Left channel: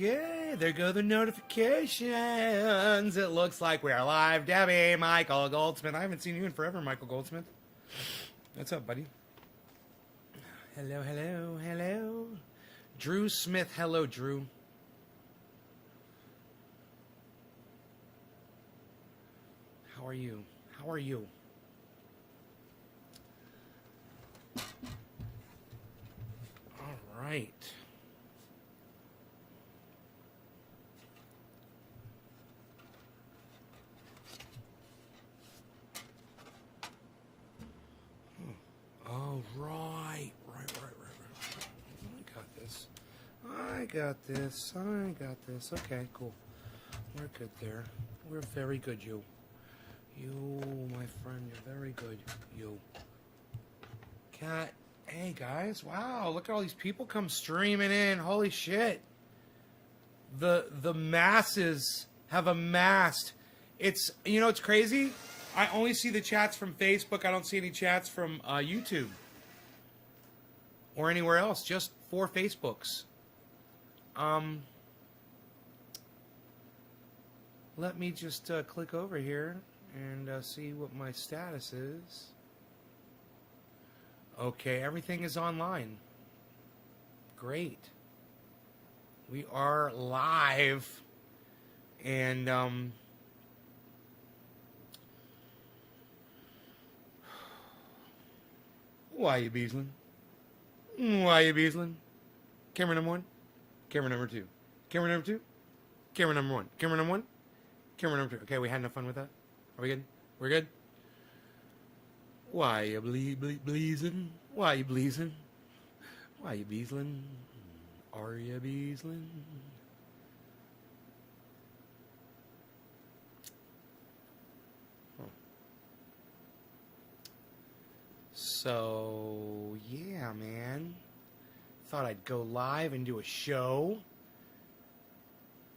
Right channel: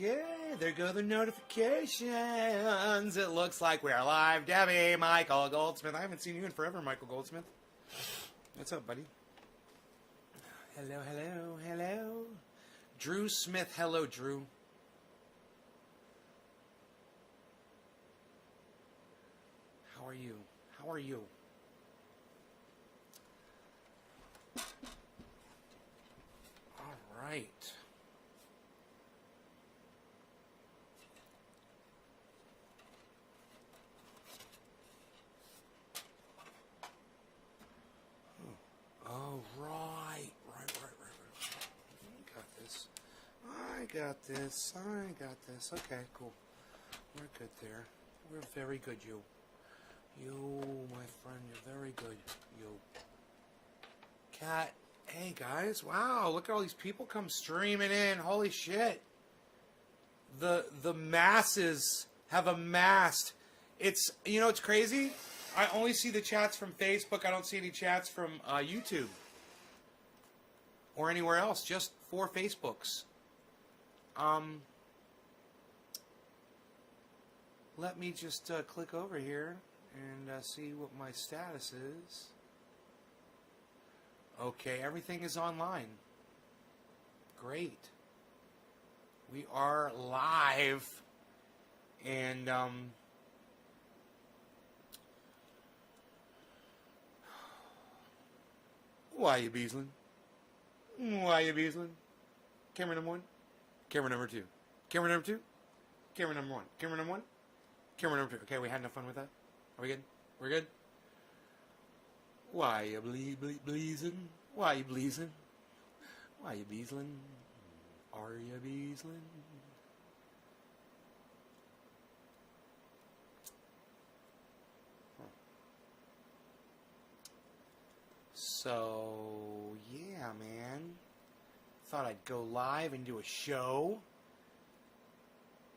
Okay, there go the notifications. It looks like we are live. Debbie, Michael Goldsmith. I haven't seen you in forever, Michael Goldsmith. What's up, buddy? Hello, hello, hello. Drew Smith. Hello, Drew. How are you? How are you? All right. Oh, right. I got this. Okay, cool. We're good there. We're very good, you. You, my friend, you're very good. You. Cat. Hey, guys. Wow, look at all these people come streaming in. Holy shit. The masses have amassed. It's, you know, it's crazy. I only see the chats from Facebook. I don't see any chats from YouTube or anywhere else. Just 4 Facebooks. Let me just click over here and see what my status is. Okay, everything is online. Great. We are live. And why you Beezlin? Why you Beezlin? Camera number 1. Camera number 2. Camera number 2. Camera number 1. Camera number 1. Camera number 2. Okay, we had enough fun with that? Are we good? We're good? Why you bleezin? Why you bleezin? Why you Beezlin? Are you Beezlin? So, yeah, man. Thought I'd go live and do a show.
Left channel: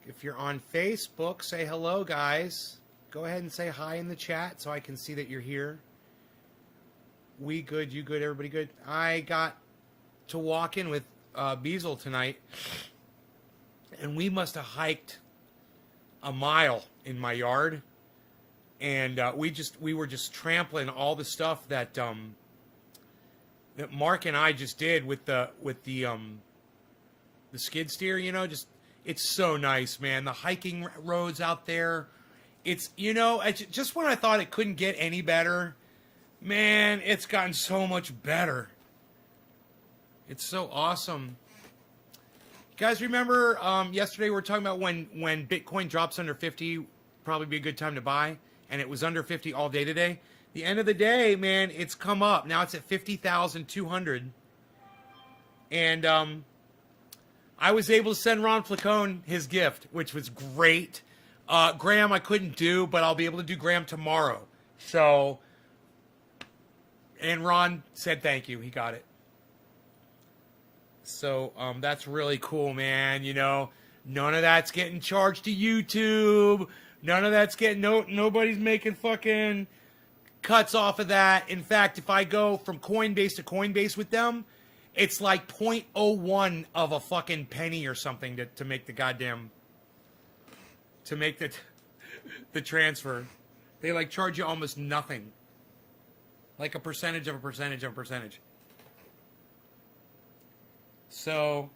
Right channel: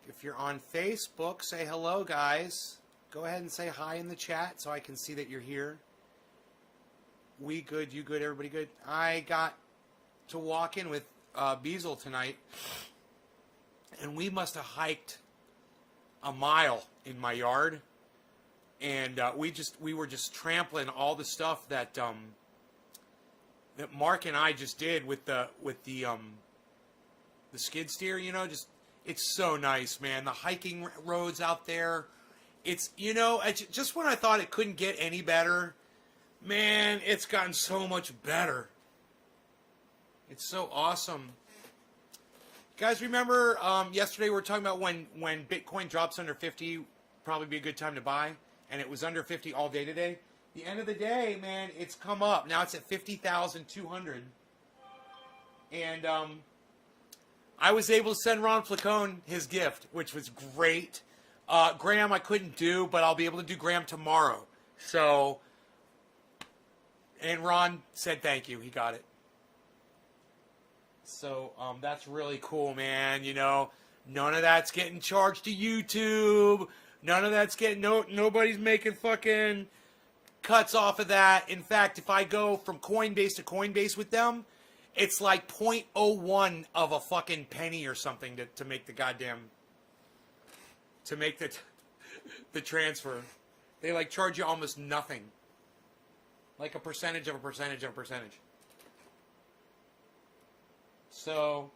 If you're on Facebook, say hello, guys. Go ahead and say hi in the chat so I can see that you're here. We good, you good, everybody good. I got to walk in with Beezl tonight, and we must have hiked a mile in my yard, and we were just trampling all the stuff that that Mark and I just did with the skid steer. You know, just it's so nice, man. The hiking roads out there. It's, you know, just when I thought it couldn't get any better, man, it's gotten so much better. It's so awesome. Guys, remember yesterday we were talking about when Bitcoin drops under 50, probably be a good time to buy, and it was under 50 all day today. The end of the day, man, it's come up. Now it's at 50,200. And I was able to send Ron Flacone his gift, which was great. Graham I couldn't do, but I'll be able to do Graham tomorrow. So, and Ron said thank you. He got it. So that's really cool, man. You know, none of that's getting charged to YouTube. None of that's getting, nobody's making fucking cuts off of that. In fact, if I go from Coinbase to Coinbase with them, it's like 0.01 of a fucking penny or something to make the goddamn, to make the transfer. They like charge you almost nothing. Like a percentage of a percentage of a percentage. So,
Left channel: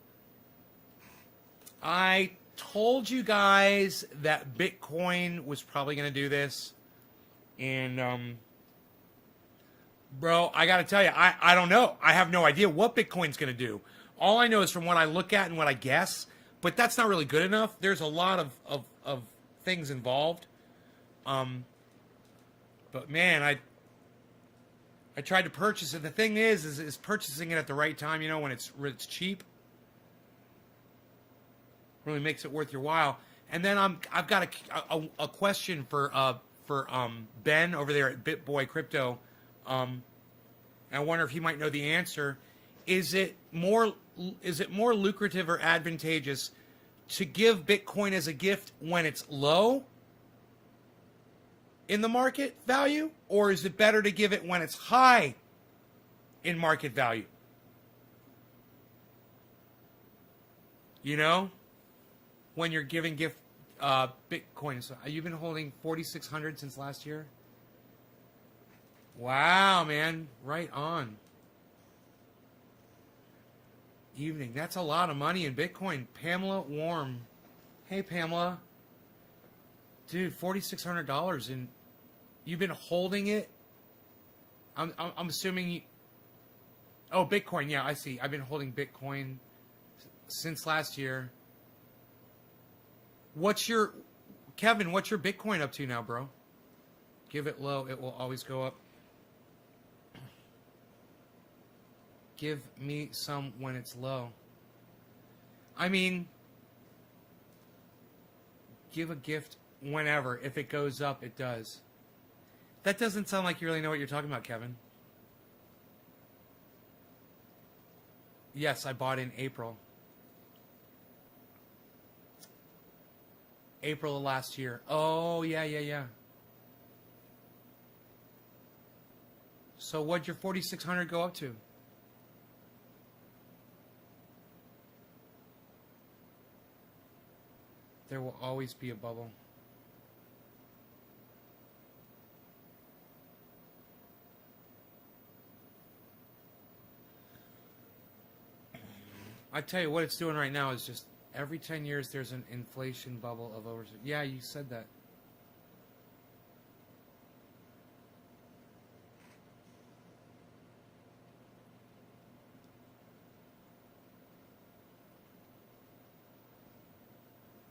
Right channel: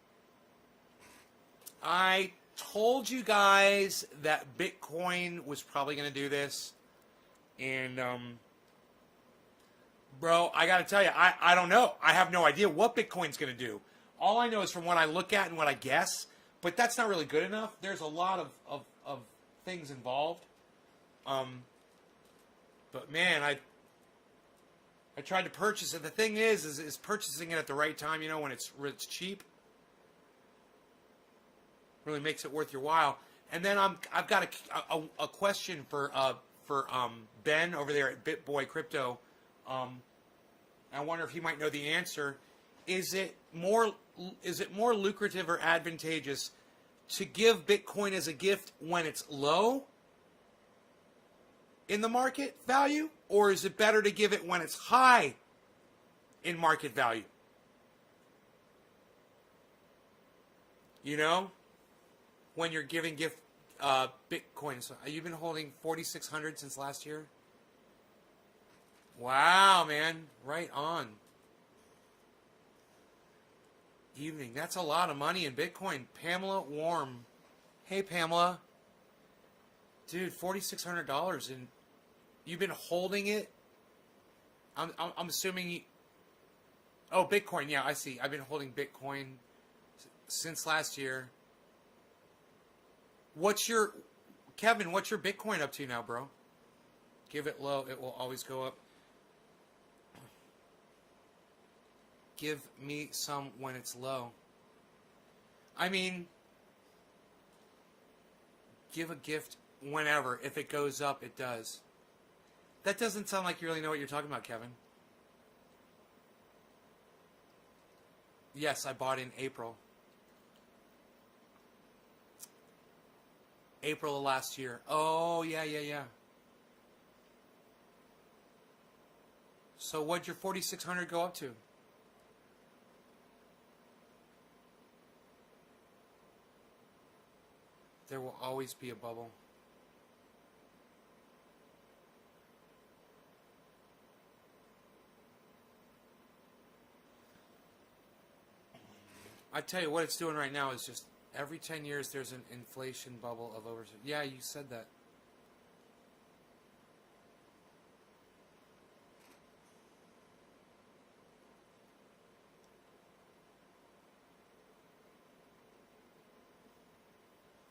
I told you guys that Bitcoin was probably going to do this. And, bro, I got to tell you, I don't know. I have no idea what Bitcoin's going to do. All I know is from what I look at and what I guess. But that's not really good enough. There's a lot of things involved. But, man, I tried to purchase it. The thing is purchasing it at the right time, you know, when it's cheap, really makes it worth your while. And then I've got a question for Ben over there at BitBoy Crypto. I wonder if he might know the answer. Is it more lucrative or advantageous to give Bitcoin as a gift when it's low in the market value, or is it better to give it when it's high in market value? You know? when you're giving gift Bitcoin. So you've been holding 4,600 since last year? Wow, man. Right on. Evening. That's a lot of money in Bitcoin. Pamela Warm. Hey, Pamela. Dude, $4,600 and you've been holding it? I'm assuming... Oh, Bitcoin. Yeah, I see. I've been holding Bitcoin since last year. Kevin, what's your Bitcoin up to now, bro? Give it low. It will always go up. Give me some when it's low. I mean, give a gift whenever. If it goes up, it does. That doesn't sound like you really know what you're talking about, Kevin. Yes, I bought in April. April of last year. Oh, yeah. So what'd your 4,600 go up to? There will always be a bubble. I tell you what it's doing right now is just every 10 years there's an inflation bubble of over. Yeah, you said that.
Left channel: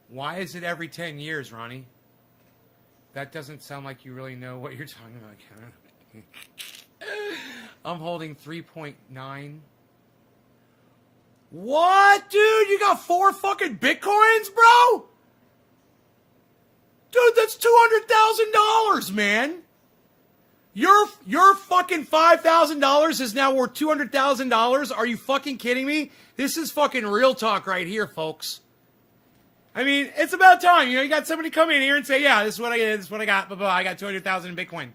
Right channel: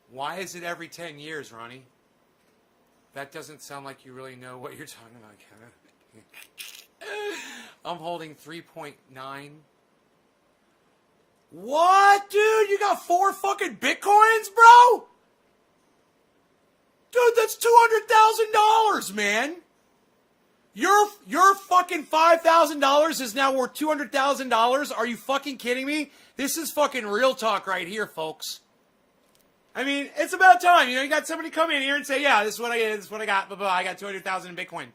Why is it every 10 years, Ronnie? That doesn't sound like you really know what you're talking about, Kevin. I'm holding 3.9. What, dude? You got 4 fucking Bitcoins, bro? Dude, that's $200,000, man. Your fucking $5,000 is now worth $200,000. Are you fucking kidding me? This is fucking real talk right here, folks. I mean, it's about time. You know, you got somebody come in here and say, yeah, this is what I did, this is what I got, blah, blah, I got 200,000 in Bitcoin.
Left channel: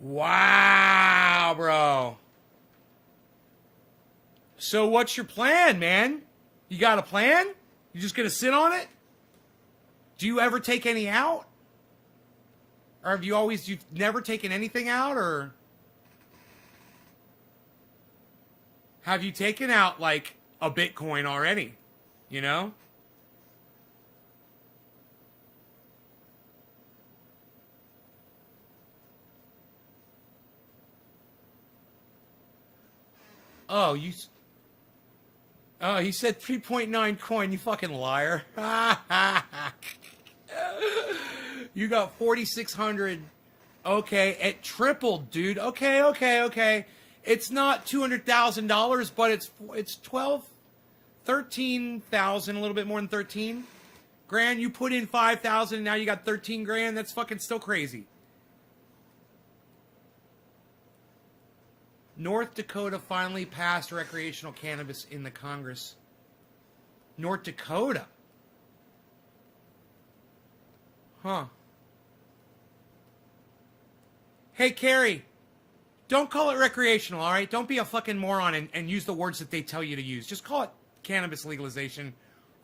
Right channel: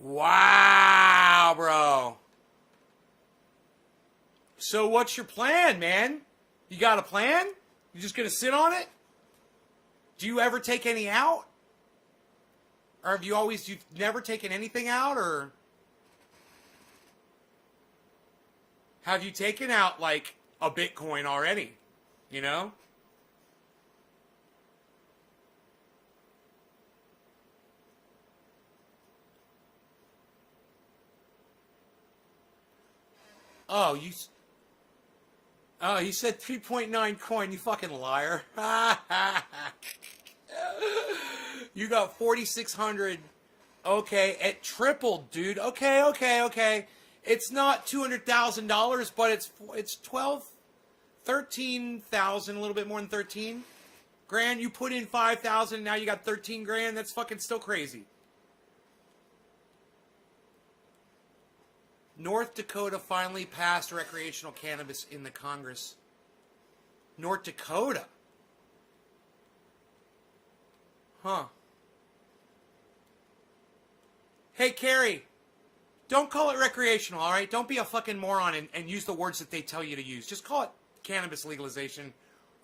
Wow, bro. So what's your plan, man? You got a plan? You just gonna sit on it? Do you ever take any out? Or have you've never taken anything out, or have you taken out, like, a Bitcoin already, you know? Oh, he said 3.9 coin, you fucking liar. You got 4,600. Okay, it tripled, dude. Okay. It's not $200,000, but it's 13,000, a little bit more than 13 grand. You put in 5,000, now you got 13 grand. That's fucking still crazy. North Dakota finally passed recreational cannabis in the Congress. North Dakota. Huh. Hey, Carrie. Don't call it recreational, all right? Don't be a fucking moron and use the words that they tell you to use. Just call it cannabis legalization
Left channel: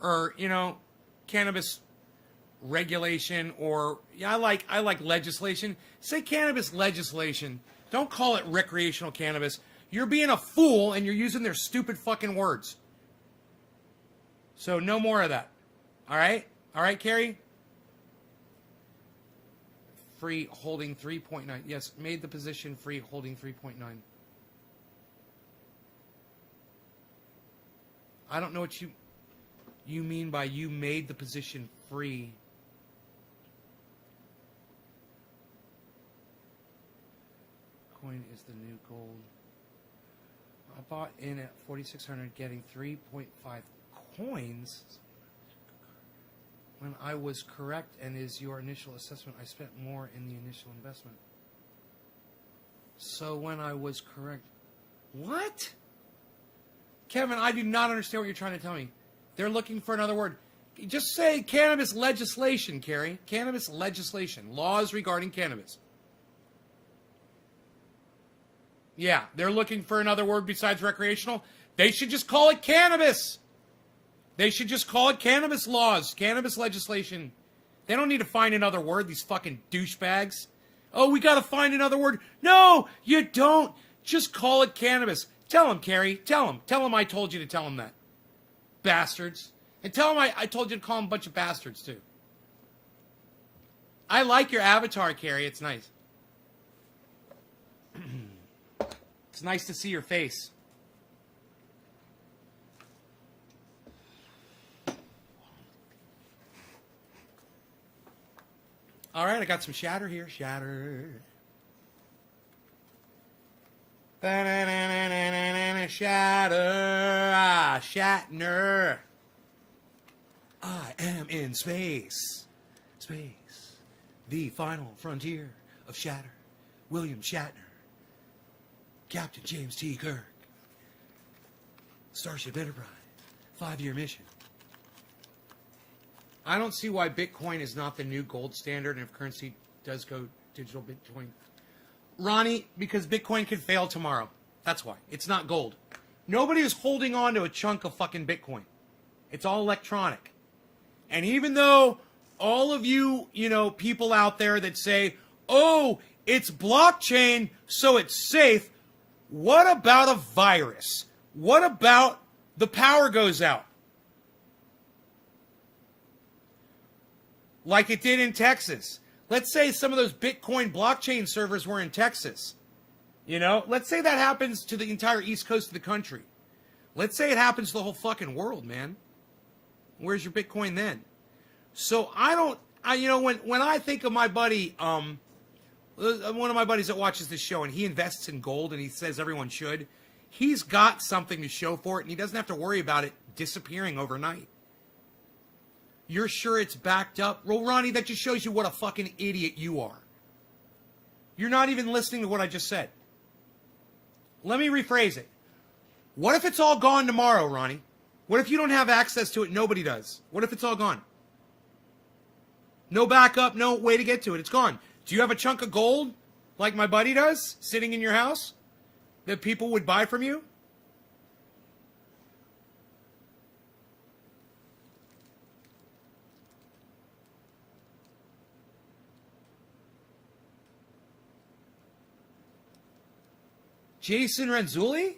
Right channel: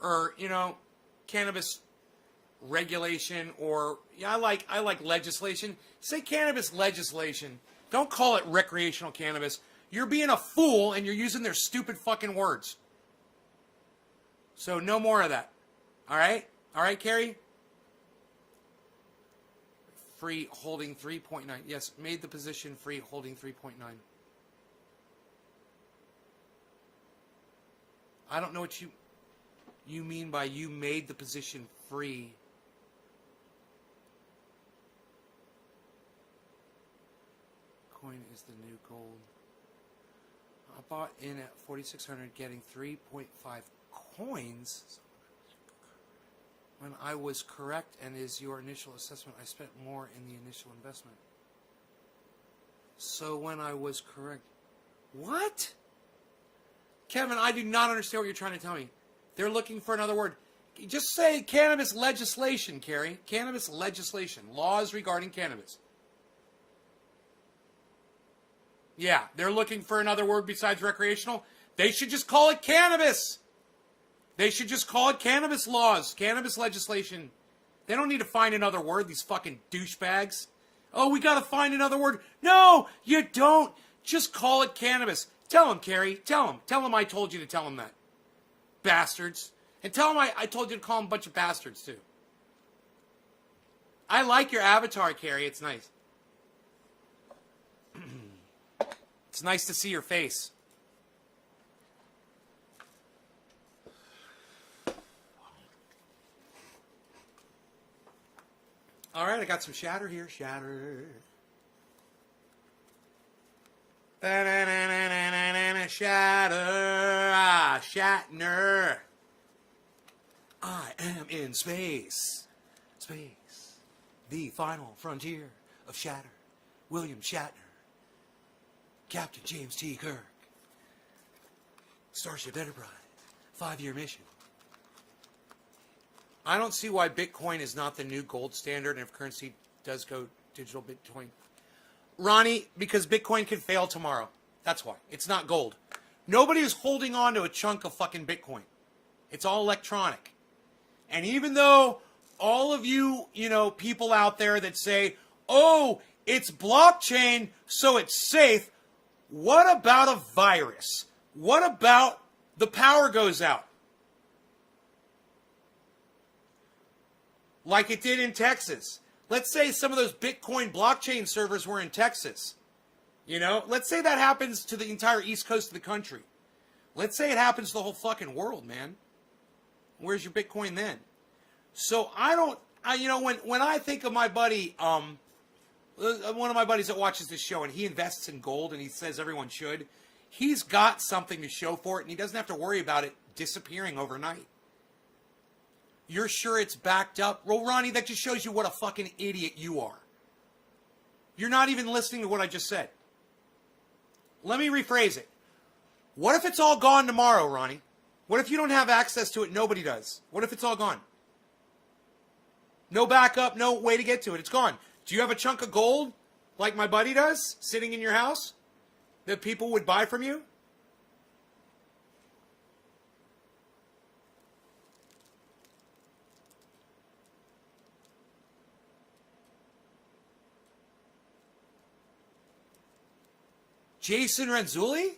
or, you know, cannabis regulation or, yeah, I like legislation. Say cannabis legislation. Don't call it recreational cannabis. You're being a fool and you're using their stupid fucking words. So no more of that. All right? All right, Carrie? Free holding 3.9. Yes, made the position free holding 3.9. I don't know what you mean by you made the position free. Coin is the new gold. I bought in at 4,600 getting 3.5 coins. When I was correct and is your initial assessment, I spent more in the initial investment. So when I was correct... What? Kevin, I do not understand what you're trying to tell me. They're looking for another word. Just say cannabis legislation, Carrie. Cannabis legislation. Laws regarding cannabis. Yeah, they're looking for another word besides recreational. They should just call it cannabis. They should just call it cannabis laws, cannabis legislation. They don't need to find another word, these fucking douchebags. Oh, we gotta find another word. No, you don't. Just call it cannabis. Tell him, Carrie. Tell him. Tell him I told you to tell him that. Bastards. And tell him I told you to call him a bunch of bastards, too. I like your avatar, Carrie. It's nice. It's nice to see your face. All right, I got some shatter here. Shatter. Shatter. Ah, Shatner. I am in space. Space. The final frontier of Shatter. William Shatner. Captain James T. Kirk. Starship Enterprise. 5-year mission. I don't see why Bitcoin is not the new gold standard, and if currency does go digital Bitcoin. Ronnie, because Bitcoin could fail tomorrow. That's why. It's not gold. Nobody is holding on to a chunk of fucking Bitcoin. It's all electronic. And even though all of you, people out there that say, oh, it's blockchain, so it's safe, what about a virus? What about the power goes out? Like it did in Texas. Let's say some of those Bitcoin blockchain servers were in Texas. Let's say that happens to the entire east coast of the country. Let's say it happens to the whole fucking world, man. Where's your Bitcoin then? So when I think of my buddy, one of my buddies that watches this show, and he invests in gold, and he says everyone should, he's got something to show for it, and he doesn't have to worry about it disappearing overnight. You're sure it's backed up? Well, Ronnie, that just shows you what a fucking idiot you are. You're not even listening to what I just said. Let me rephrase it. What if it's all gone tomorrow, Ronnie? What if you don't have access to it? Nobody does. What if it's all gone? No backup, no way to get to it. It's gone. Do you have a chunk of gold, like my buddy does, sitting in your house, that people would buy from you? Jason Renzulli?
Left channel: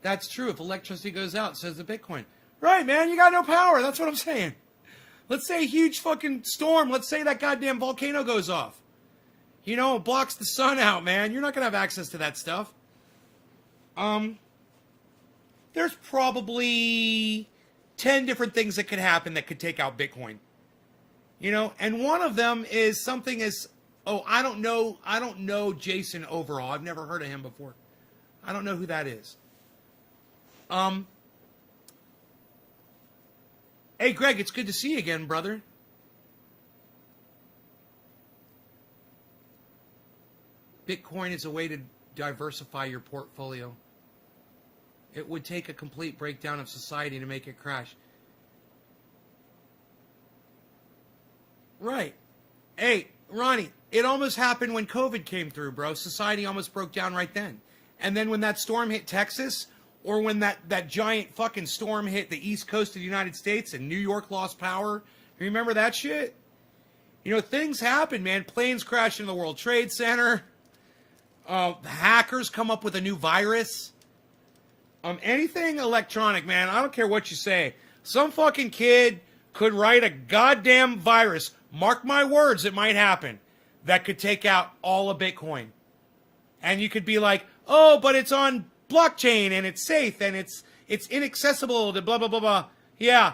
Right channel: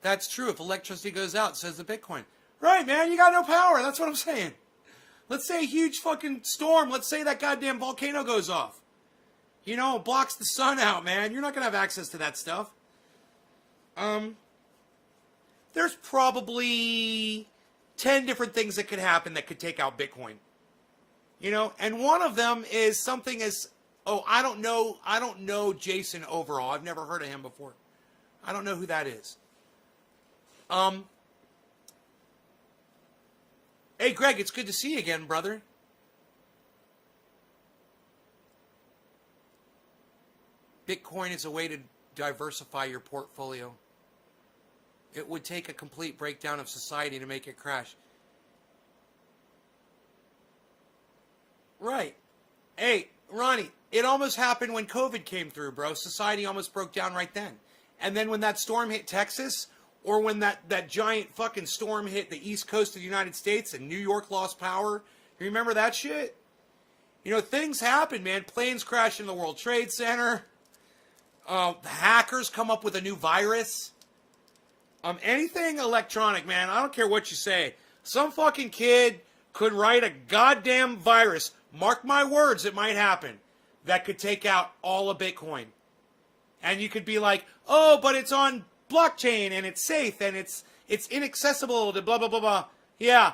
That's true. If electricity goes out, says the Bitcoin. Right, man. You got no power. That's what I'm saying. Let's say a huge fucking storm. Let's say that goddamn volcano goes off. It blocks the sun out, man. You're not going to have access to that stuff. There's probably 10 different things that could happen that could take out Bitcoin. And one of them is something as, I don't know Jason overall. I've never heard of him before. I don't know who that is. Hey, Greg, it's good to see you again, brother. Bitcoin is a way to diversify your portfolio. It would take a complete breakdown of society to make it crash. Right. Hey, Ronnie, it almost happened when COVID came through, bro. Society almost broke down right then. And then when that storm hit Texas, or when that giant fucking storm hit the east coast of the United States and New York lost power, you remember that shit? Things happen, man. Planes crash into the World Trade Center. The hackers come up with a new virus. Anything electronic, man, I don't care what you say. Some fucking kid could write a goddamn virus, mark my words, it might happen, that could take out all of Bitcoin. And you could be like, oh, but it's on blockchain, and it's safe, and it's inaccessible to blah, blah, blah, blah. Yeah.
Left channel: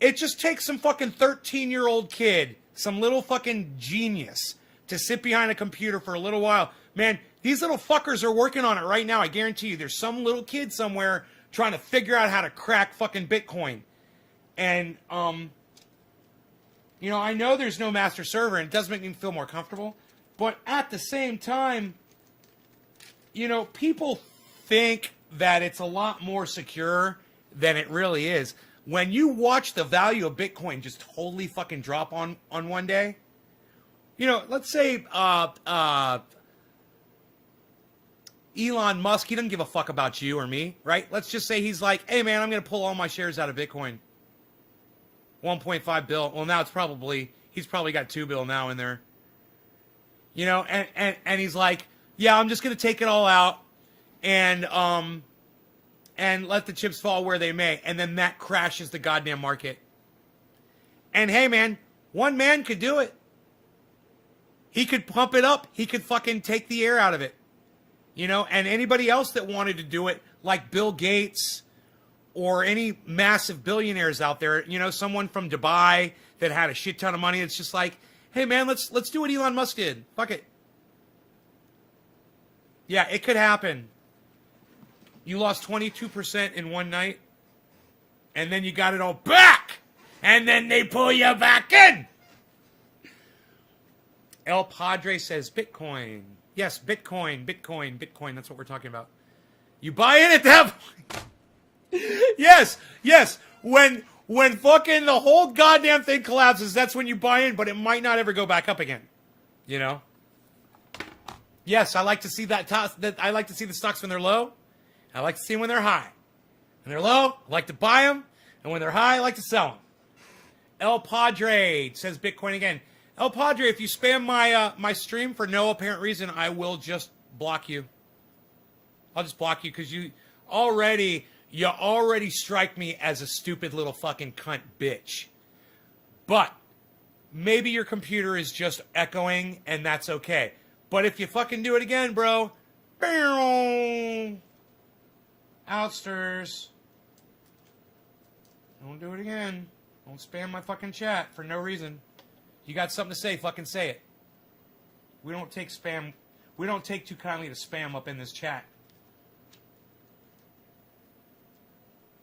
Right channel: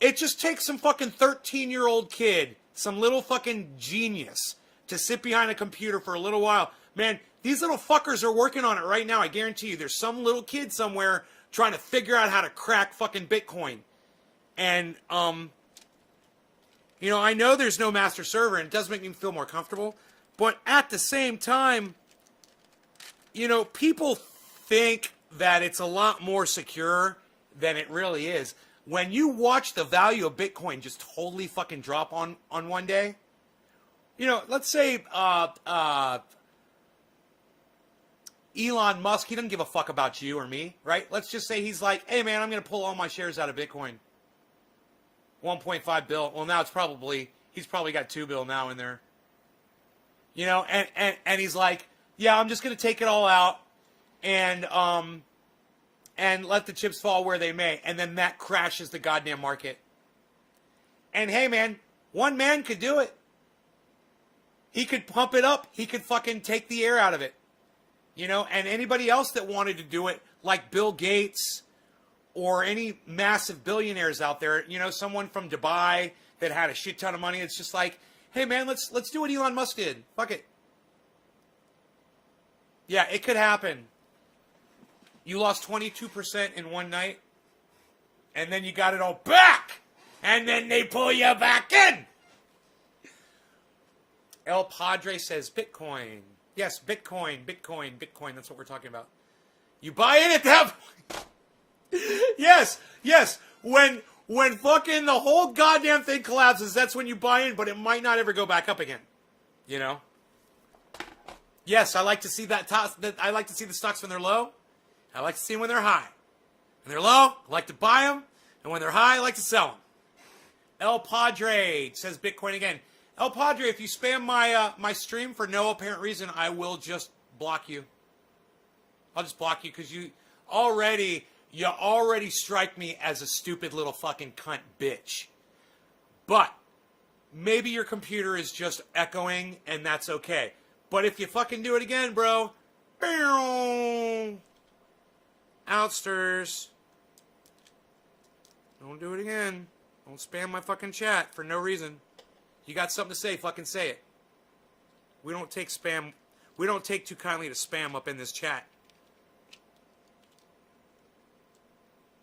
It just takes some fucking 13-year-old kid, some little fucking genius, to sit behind a computer for a little while. Man, these little fuckers are working on it right now. I guarantee you. There's some little kid somewhere trying to figure out how to crack fucking Bitcoin. And, I know there's no master server, and it does make me feel more comfortable. But at the same time, people think that it's a lot more secure than it really is. When you watch the value of Bitcoin just totally fucking drop on one day, You know, let's say Elon Musk, he doesn't give a fuck about you or me, right? Let's just say he's like, hey, man, I'm going to pull all my shares out of Bitcoin. 1.5 bill. Well, now he's probably got 2 bill now in there. You know, and he's like, yeah, I'm just going to take it all out and let the chips fall where they may. And then that crashes the goddamn market. And hey, man, one man could do it. He could pump it up. He could fucking take the air out of it. You know, and anybody else that wanted to do it, like Bill Gates or any massive billionaires out there, you know, someone from Dubai that had a shit ton of money, it's just like, hey, man, let's do what Elon Musk did. Fuck it. Yeah, it could happen. You lost 22% in one night, and then you got it all back, and then they pull you back in. El Padre says Bitcoin. Yes, Bitcoin. That's what we're talking about. You buy in at that point. Yes. When fucking the whole goddamn thing collapses, that's when you buy in, but it might not ever go back up again. You know? Yes, I like to see that. I like to see the stocks when they're low. I like to see them when they're high. When they're low, I like to buy them, and when they're high, I like to sell them. El Padre says Bitcoin again. El Padre, if you spam my stream for no apparent reason, I will just block you. I'll just block you because you already strike me as a stupid little fucking cunt bitch. But maybe your computer is just echoing, and that's okay. But if you fucking do it again, bro, outsters. Don't do it again. Don't spam my fucking chat for no reason. You got something to say, fucking say it. We don't take spam. We don't take too kindly to spam up in this chat.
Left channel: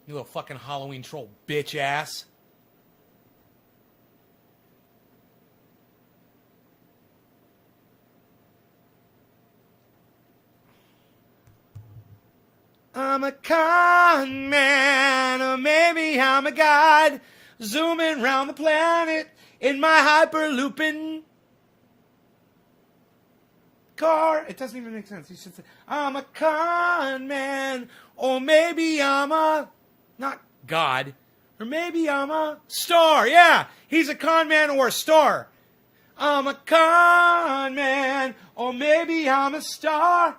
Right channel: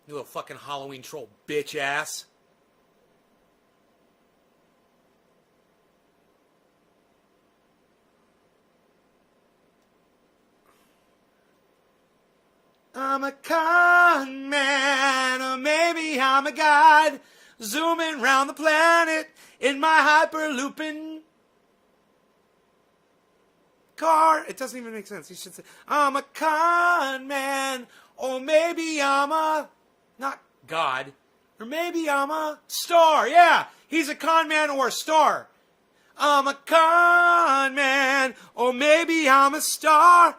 You little fucking Halloween troll bitch ass. I'm a con man, or maybe I'm a god, zooming around the planet in my hyperlooping car. It doesn't even make sense. You should say, I'm a con man, or maybe I'm a, not God, or maybe I'm a star. Yeah, he's a con man or a star. I'm a con man, or maybe I'm a star,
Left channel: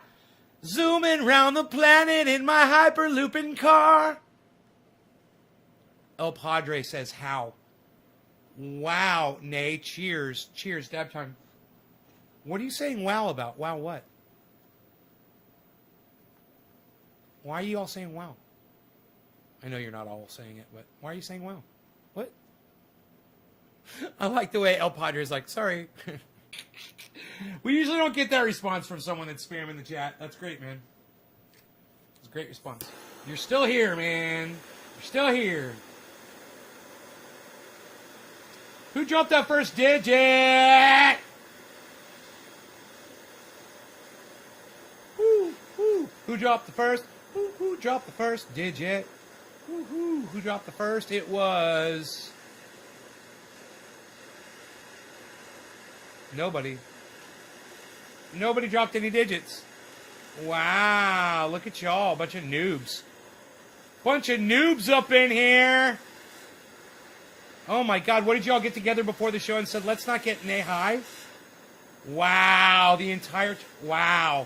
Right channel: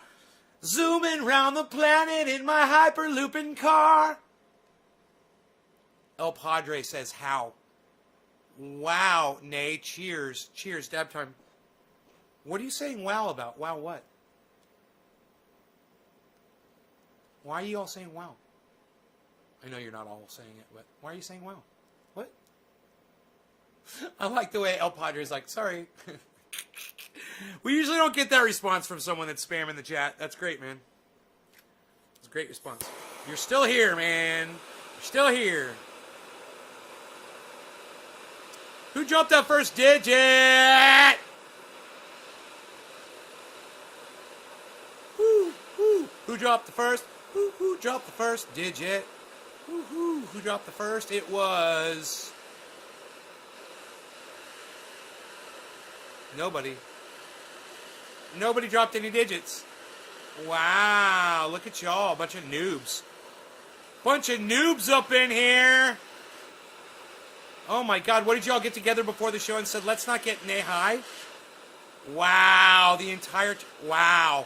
zooming round the planet in my hyperlooping car. El Padre says, how? Wow, nay, cheers. Cheers, dab time. What are you saying wow about? Wow what? Why are you all saying wow? I know you're not all saying it, but why are you saying wow? What? I like the way El Padre is like, sorry. We usually don't get that response from someone that's spamming the chat. That's great, man. It's a great response. You're still here, man. You're still here. Who dropped that first digit? Who dropped the first? Who dropped the first digit? Who dropped the first? It was nobody. Nobody dropped any digits. Wow, look at y'all, bunch of noobs. Bunch of noobs up in here. Oh my God, what did y'all get together before the show and said, let's not get nay high? Wow, the entire, wow.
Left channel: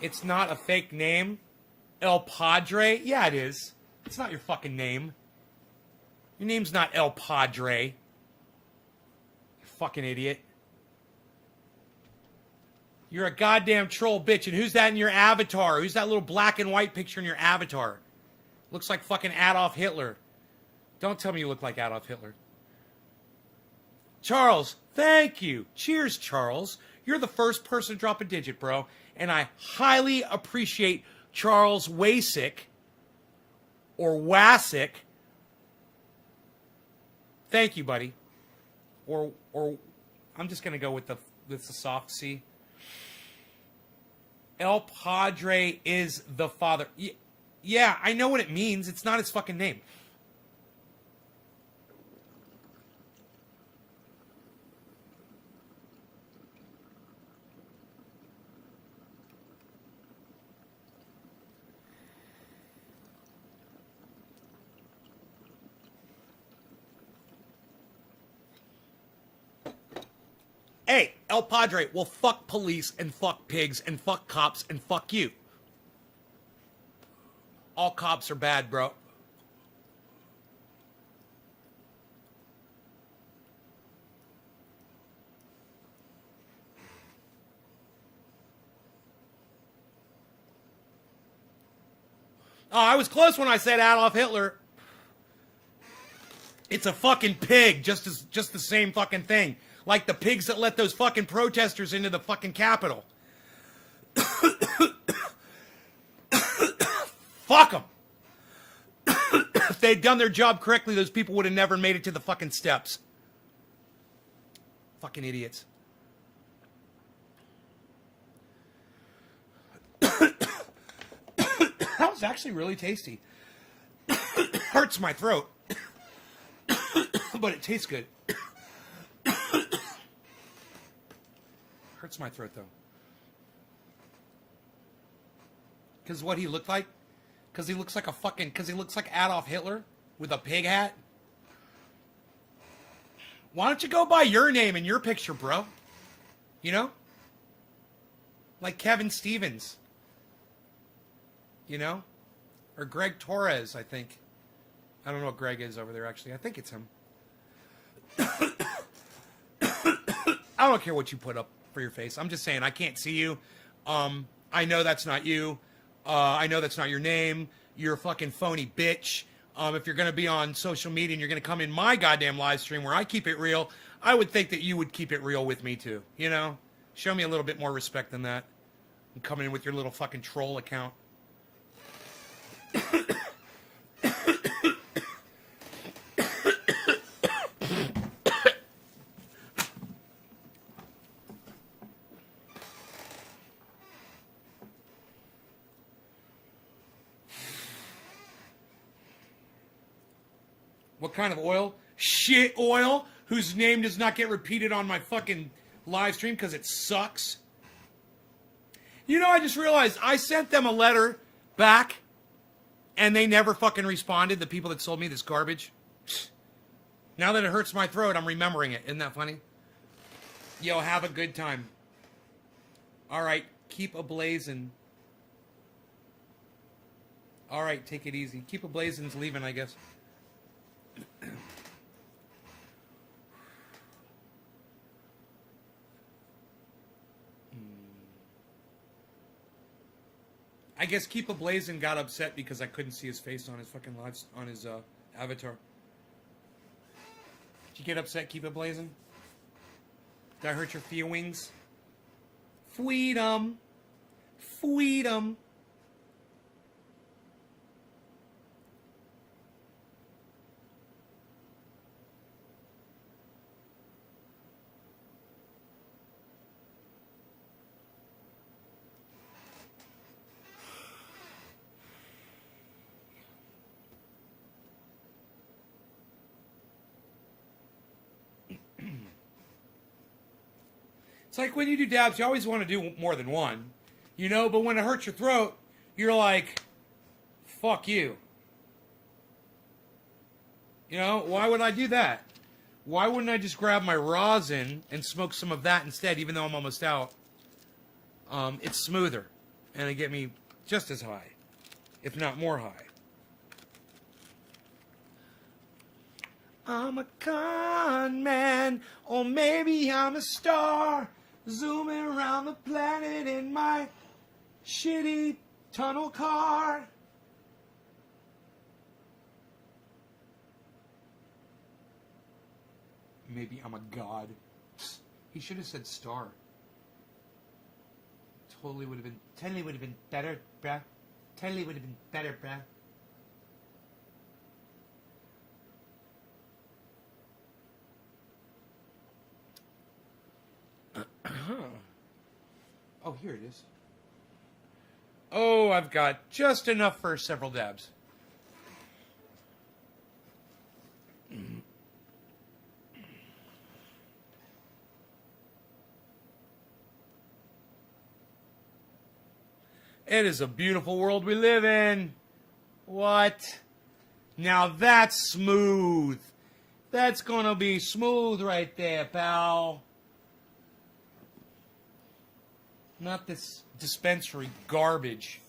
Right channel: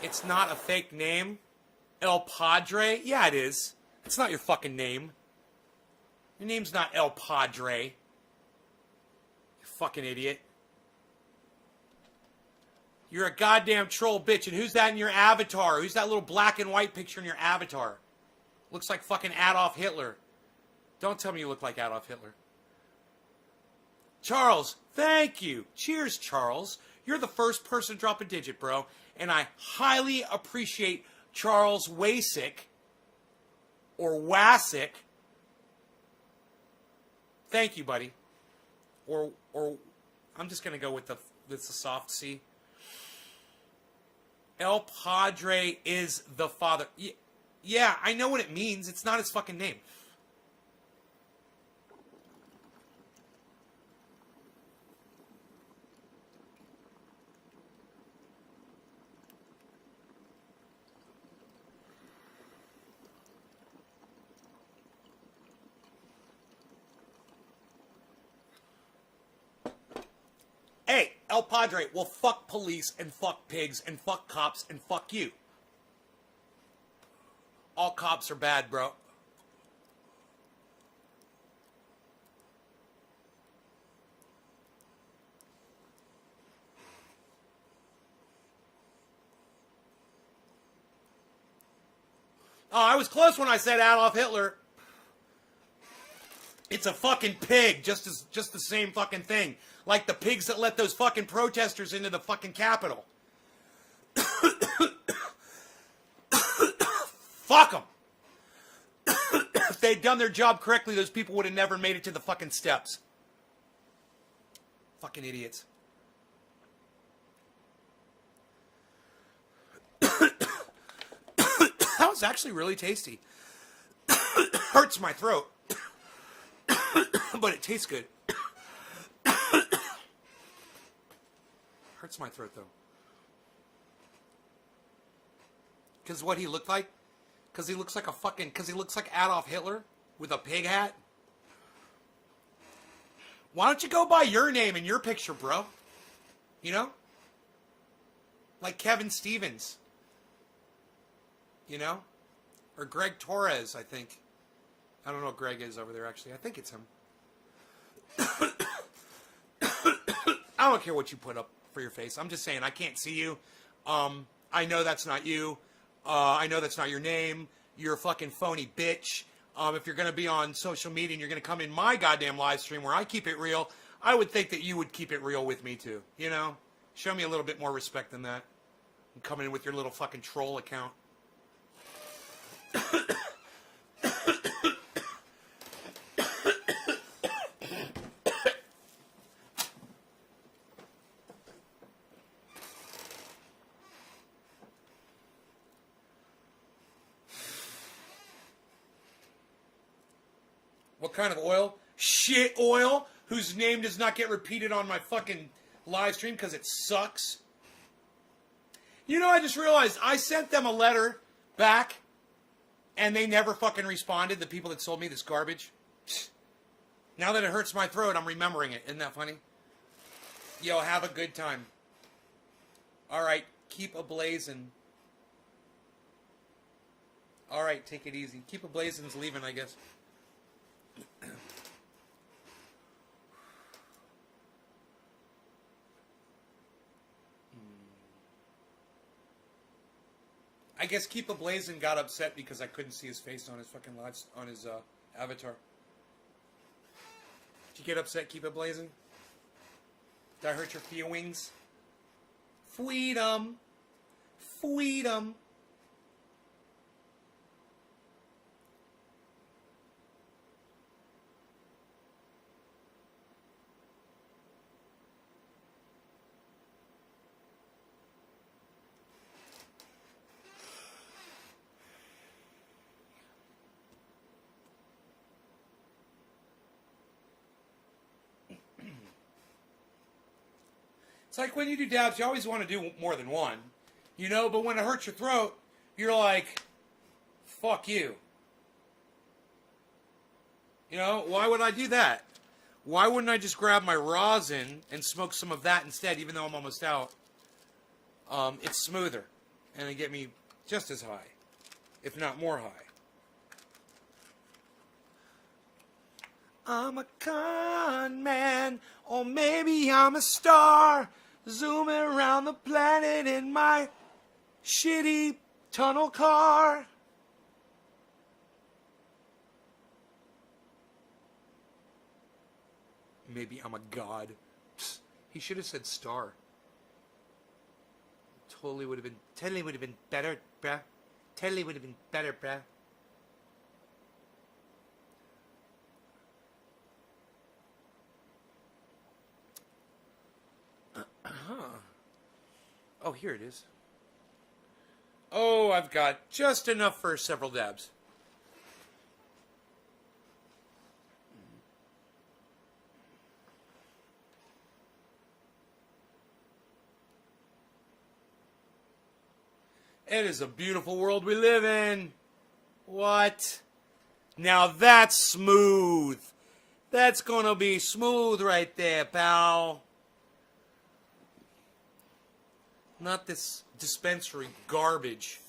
It's not a fake name. El Padre? Yeah, it is. It's not your fucking name. Your name's not El Padre. You fucking idiot. You're a goddamn troll bitch. And who's that in your avatar? Who's that little black and white picture in your avatar? Looks like fucking Adolf Hitler. Don't tell me you look like Adolf Hitler. Charles, thank you. Cheers, Charles. You're the first person to drop a digit, bro. And I highly appreciate Charles Wasick or Wasick. Thank you, buddy. Or I'm just going to go with the soft C. El Padre is the father. Yeah, I know what it means. It's not his fucking name. Hey, El Padre, well, fuck police and fuck pigs and fuck cops and fuck you. All cops are bad, bro. Oh, I was close when I said Adolf Hitler. It's a fucking pig, just the same fucking thing. Like the pigs that let those fucking protesters into the fucking Capitol. Fuck them. If they'd done their job correctly, those people would have never made it to the fucking steps. Fucking idiots. That was actually really tasty. Hurts my throat. But it tastes good. Hurts my throat though. Because what he looked like? Because he looks like a fucking... Because he looks like Adolf Hitler with a pig hat? Why don't you go by your name and your picture, bro? You know? Like Kevin Stevens. You know? Or Greg Torres, I think. I don't know what Greg is over there, actually. I think it's him. I don't care what you put up for your face. I'm just saying, I can't see you. I know that's not you. I know that's not your name. You're a fucking phony bitch. If you're going to be on social media and you're going to come in my goddamn live stream where I keep it real, I would think that you would keep it real with me too. You know? Show me a little bit more respect than that. And coming in with your little fucking troll account. What kind of oil? Shit oil, whose name does not get repeated on my fucking live stream because it sucks. You know, I just realized I sent them a letter back and they never fucking responded, the people that sold me this garbage. Now that it hurts my throat, I'm remembering it. Isn't that funny? Yo, have a good time. All right, keep ablazing. All right, take it easy. Keep ablazing's leaving, I guess. I guess Keep a Blazin' got upset because I couldn't see his face on his fucking live, on his avatar. Did you get upset, Keep a Blazin'? Did I hurt your feelings? Freedom. Freedom. It's like when you do dabs, you always want to do more than one, you know, but when it hurts your throat, you're like, fuck you. You know, why would I do that? Why wouldn't I just grab my rosin and smoke some of that instead, even though I'm almost out? It's smoother, and it get me just as high, if not more high. I'm a con man, or maybe I'm a star, zooming around the planet in my shitty tunnel car. Maybe I'm a god. Psst, he should have said star. Totally would have been better, bruh. Totally would have been better, bruh. Oh, here it is. Oh, I've got just enough for several dabs. It is a beautiful world we live in. What? Now that's smooth. That's gonna be smooth right there, pal. Not this dispensary garbage.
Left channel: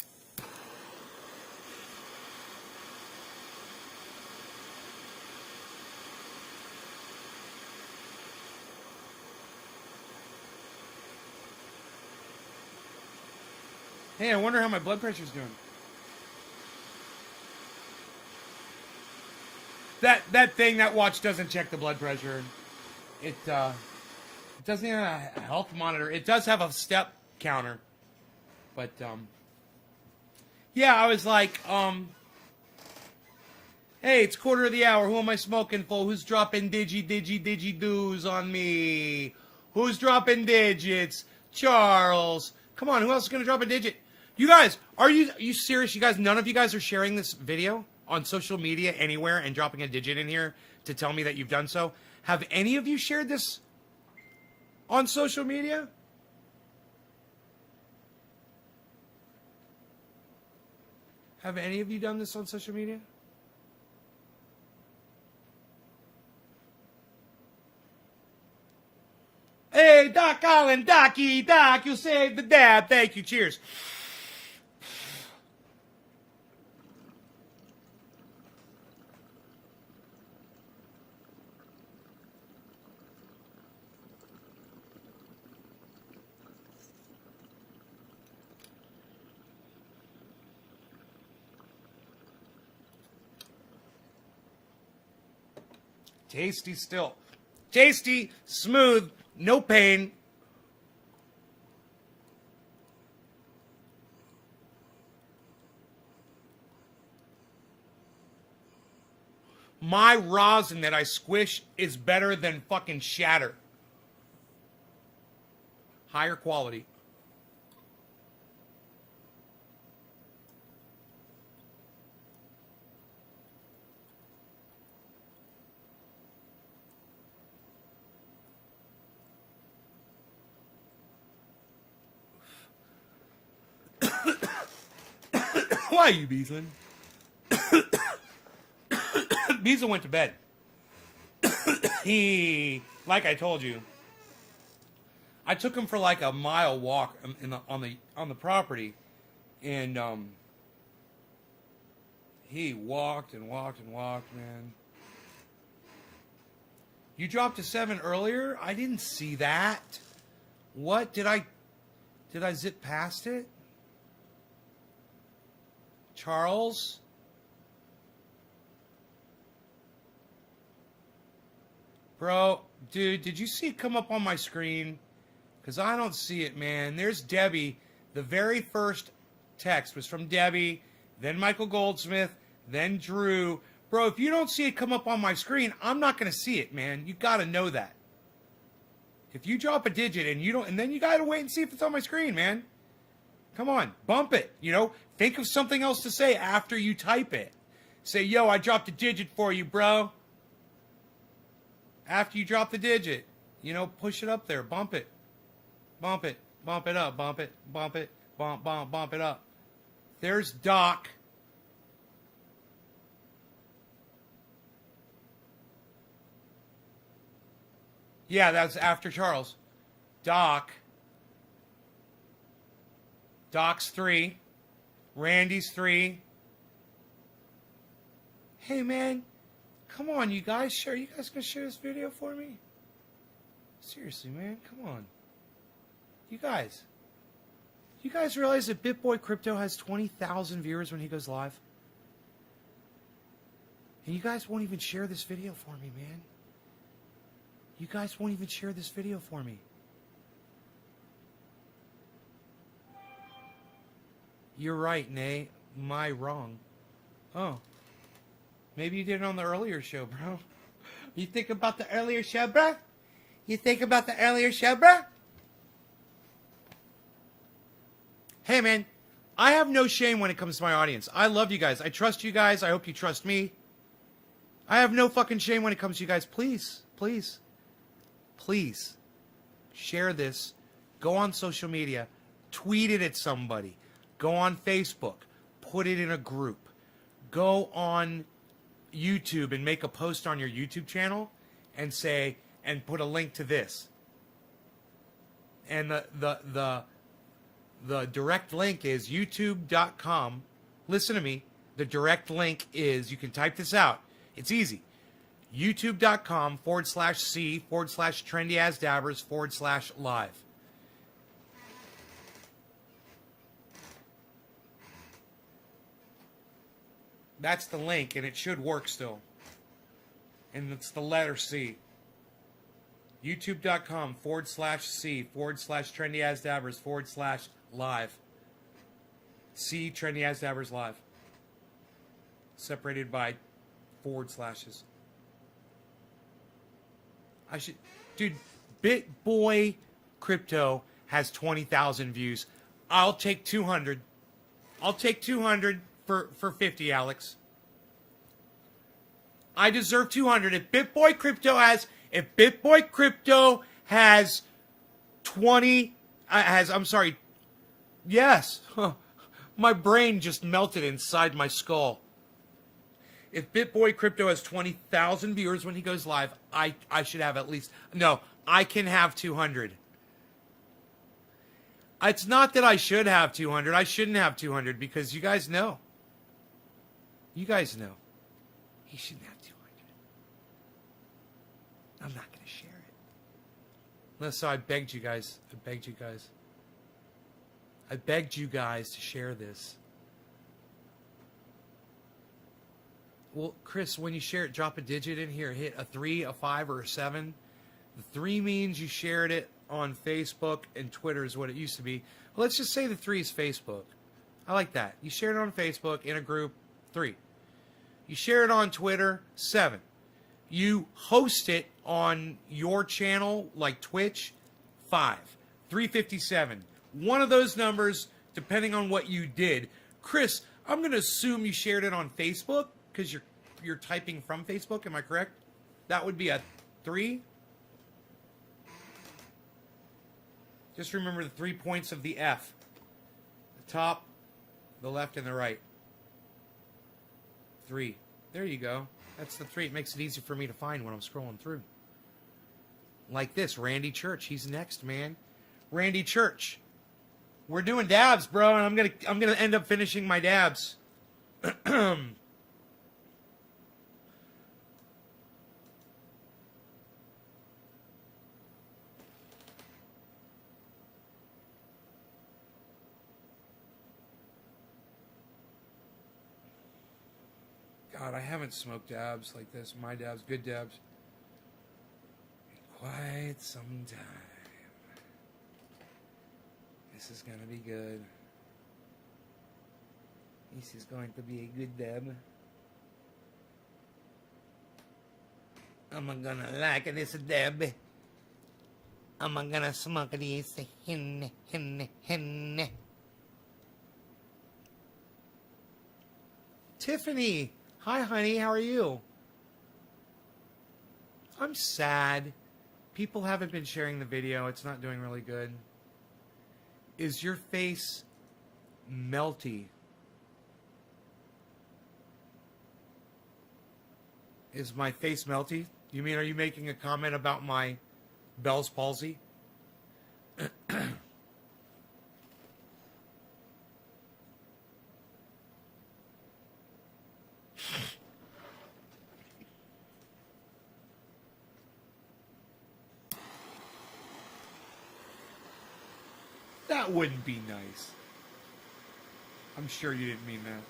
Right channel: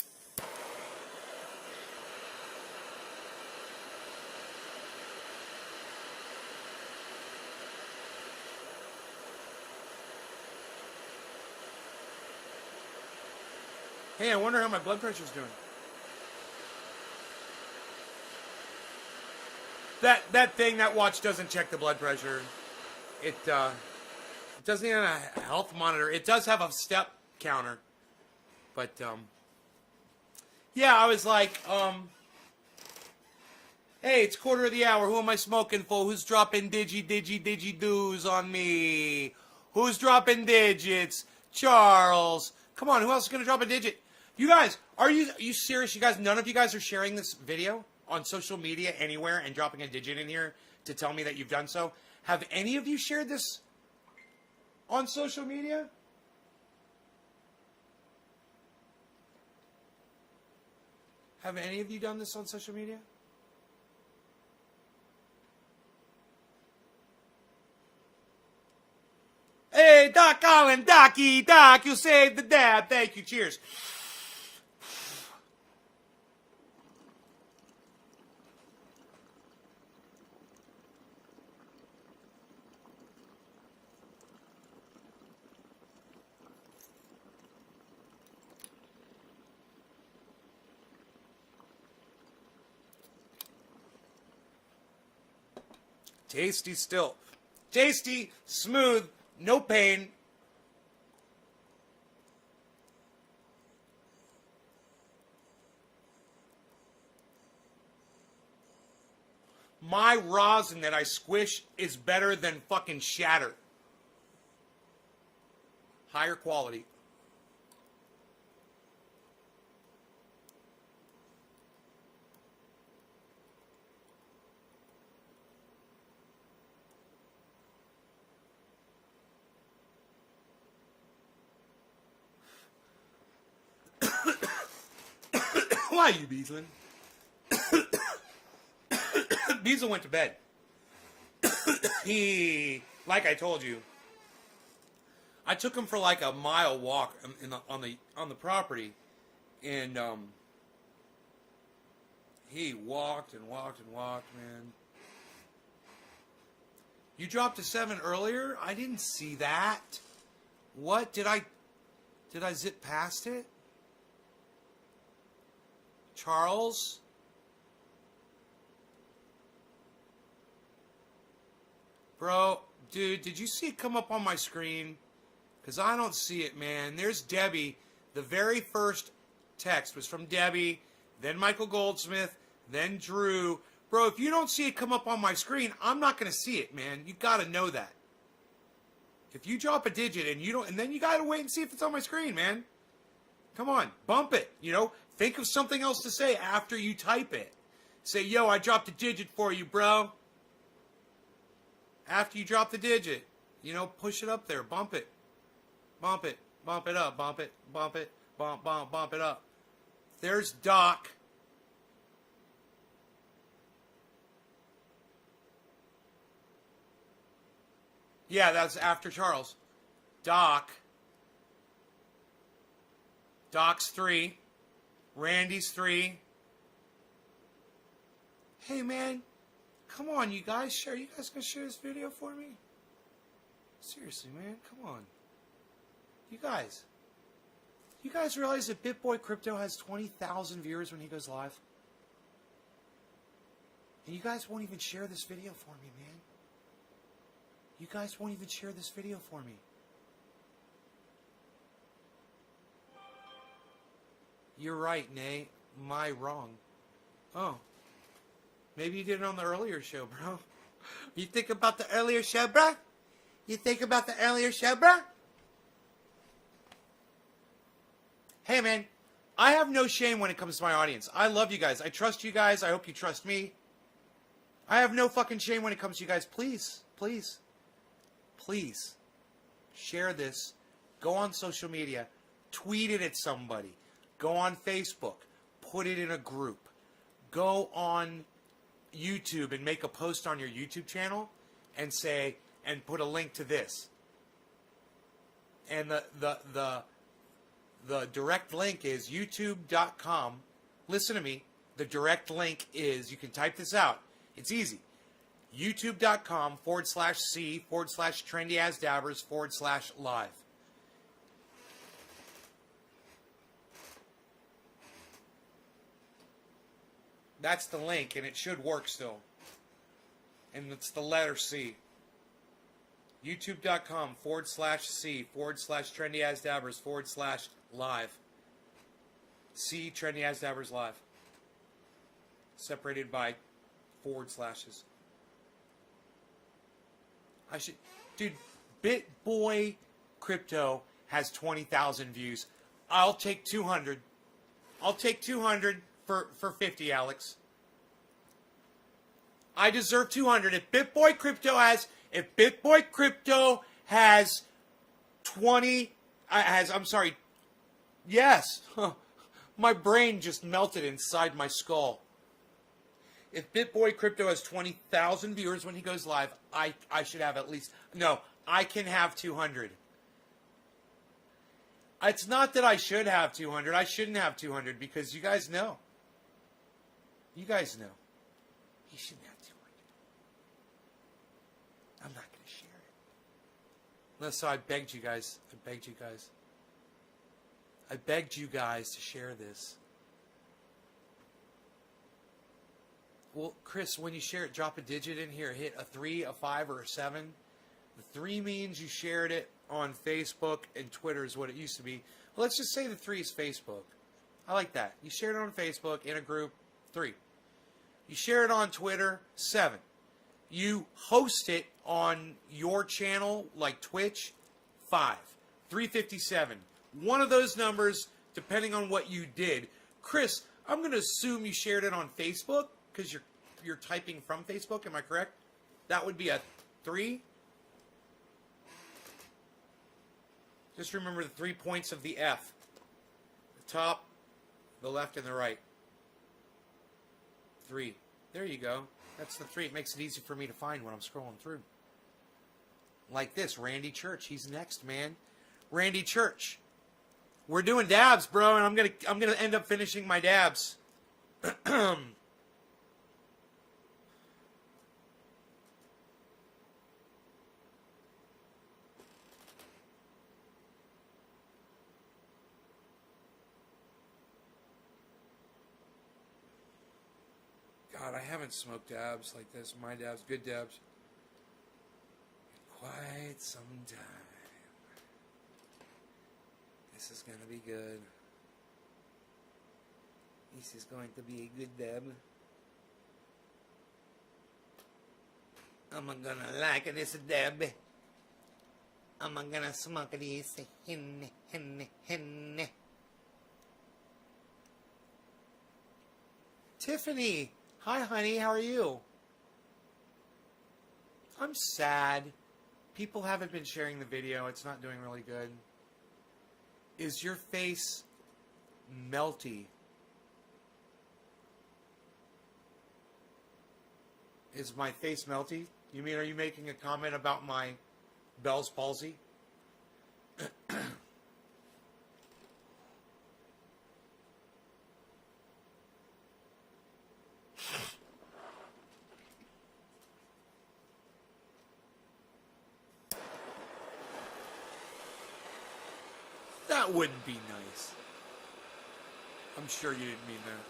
Hey, I wonder how my blood pressure's doing. That thing, that watch doesn't check the blood pressure. It doesn't even have a health monitor. It does have a step counter. But, yeah, I was like, hey, it's quarter of the hour. Who am I smoking for? Who's dropping digi-doos on me? Who's dropping digits? Charles. Come on, who else is going to drop a digit? You guys, are you serious? You guys, none of you guys are sharing this video on social media anywhere and dropping a digit in here to tell me that you've done so? Have any of you shared this on social media? Have any of you done this on social media? Hey, Doc Collin, Docky, Doc, you saved the dab. Thank you. Cheers. Tasty still. Tasty, smooth, no pain. My rosin that I squish is better than fucking shatter. Higher quality. Why, you Beezlin? Beezlin went to bed. Like I told you, I took him for like a mile walk on the property, and he walked and walked and walked, man. You dropped to 7 earlier? I didn't see that. What? Did I zip past it? Charles? Bro, dude, did you see it come up on my screen? Because I don't see it, man. There's Debbie. The very first text was from Debbie, then Michael Goldsmith, then Drew. Bro, if you don't see it come up on my screen, I'm not going to see it, man. You got to know that. If you drop a digit and you don't, and then you got to wait and see if it's on my screen, man. Come on, bump it, you know? Think of something else to say after you type it. Say, yo, I dropped a digit for you, bro. After you drop the digit, you know, push it up there, bump it. Bump it, bump it up, bump it, bump it, bump it up. There's Doc. Yeah, that's after Charles. Doc. Doc's 3. Randy's 3. Hey, man. Come on, you guys. Are you guys going to share this video for me? Seriously, man. Come on. You guys realize that BitBoy Crypto has 20,000 viewers when he goes live? And you guys won't even share this video for me, man. You guys won't even share this video for me. You're right, Nay. My wrong. Oh. Maybe you did it on the earlier show, bro. You think about the earlier show, bro? You think about the earlier show, bro? Hey, man. I have no shame when it comes to my audience. I love you guys. I trust you guys. I hope you trust me. I have no fucking shame when it comes to you guys. Please, please, please share this. Go on social media. Tweet it at somebody. Go on Facebook. Put it in a group. Go on YouTube and make a post on your YouTube channel and say, and put a link to this. And The direct link is youtube.com. Listen to me. The direct link is, you can type this out. It's easy. youtube.com/C/trendyasdabbers/live. That's the link, and it should work still. And it's the letter C. youtube.com/C/trendyasdabbers/live. C Trendy As Dabbers Live. Separated by forward slashes. I should, dude. BitBoy Crypto has 20,000 views. I'll take 200. I'll take 200 for 50, Alex. I deserve 200. If BitBoy Crypto has 20, I'm sorry. Yes. My brain just melted inside my skull. If BitBoy Crypto has 20,000 viewers when he goes live, I should have at least... No, I can have 200. It's not that I should have 200. I shouldn't have 200 because you guys know. You guys know. He shouldn't have 200. I'm not going to share it. No, so I begged you guys. I begged you guys to share this. Well, Chris, when you share it, drop a digit in here. Hit a 3, a 5, or a 7. The 3 means you shared it on Facebook, and Twitter is what it used to be. Well, let's just say the 3 is Facebook. I like that. You shared it on Facebook in a group, 3. You share it on Twitter, 7. You host it on your channel, like Twitch, 5. 357. One of those numbers, depending on what you did. Chris, I'm going to assume you shared it on Facebook because you're typing from Facebook. Am I correct? That would be a 3. Just remember the 3 points of the F. The top, the left, and the right. 3. There you go. That's the 3. It makes it easy for me to find when I'm scrolling through. Like this, Randy Church. He's next, man. Randy Church. We're doing dabs, bro, and I'm gonna end up finishing my dabs. God, I haven't smoked dabs like this. My dabs, good dabs, in quite some time. This is gonna be good. This is going to be a good dab. I'm gonna like this dab. I'm gonna smoke this. Tiffany, hi honey, how are you? I'm sad. People haven't been sharing the video. It's not doing really good. Is your face melty? Is my face melty? You mean, are you making a comment about my Bell's palsy? That wouldn't be nice. I'm sure you didn't mean that.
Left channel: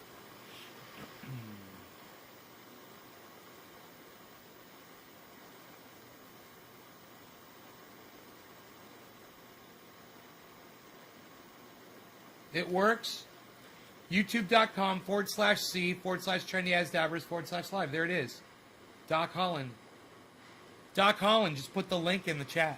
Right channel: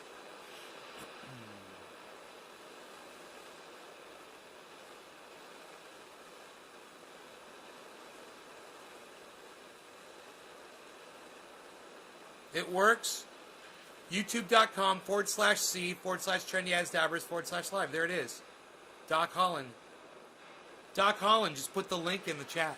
It works. YouTube.com/C/trendyasdabbers/live. There it is. Doc Holland. Doc Holland, just put the link in the chat.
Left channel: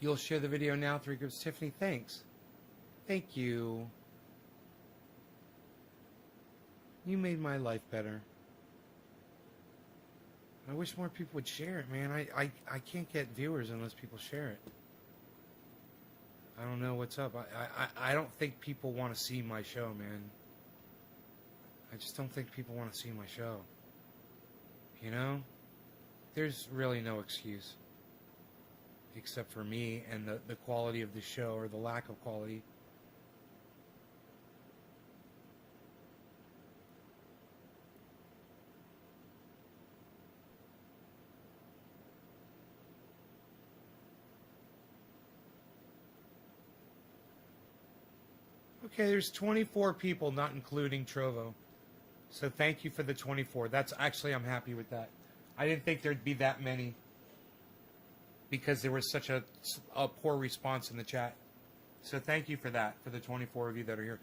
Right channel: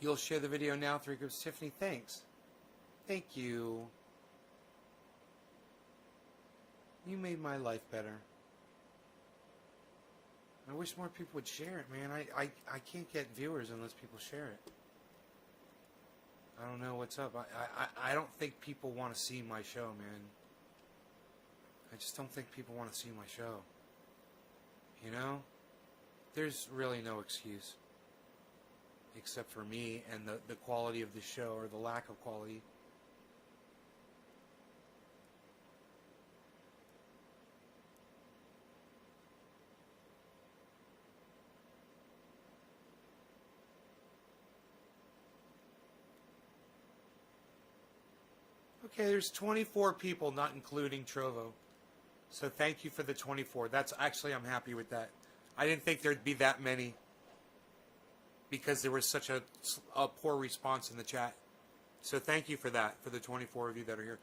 You'll share the video now. 3 groups. Tiffany, thanks. Thank you. You made my life better. I wish more people would share it, man. I can't get viewers unless people share it. I don't know what's up. I don't think people want to see my show, man. I just don't think people want to see my show. You know? There's really no excuse. Except for me and the quality of the show, or the lack of quality. Okay, there's 24 people, not including Trovo. So thank you for the 24. That's actually, I'm happy with that. I didn't think there'd be that many, because there was such a poor response in the chat. So thank you for that, for the 24 of you that are here.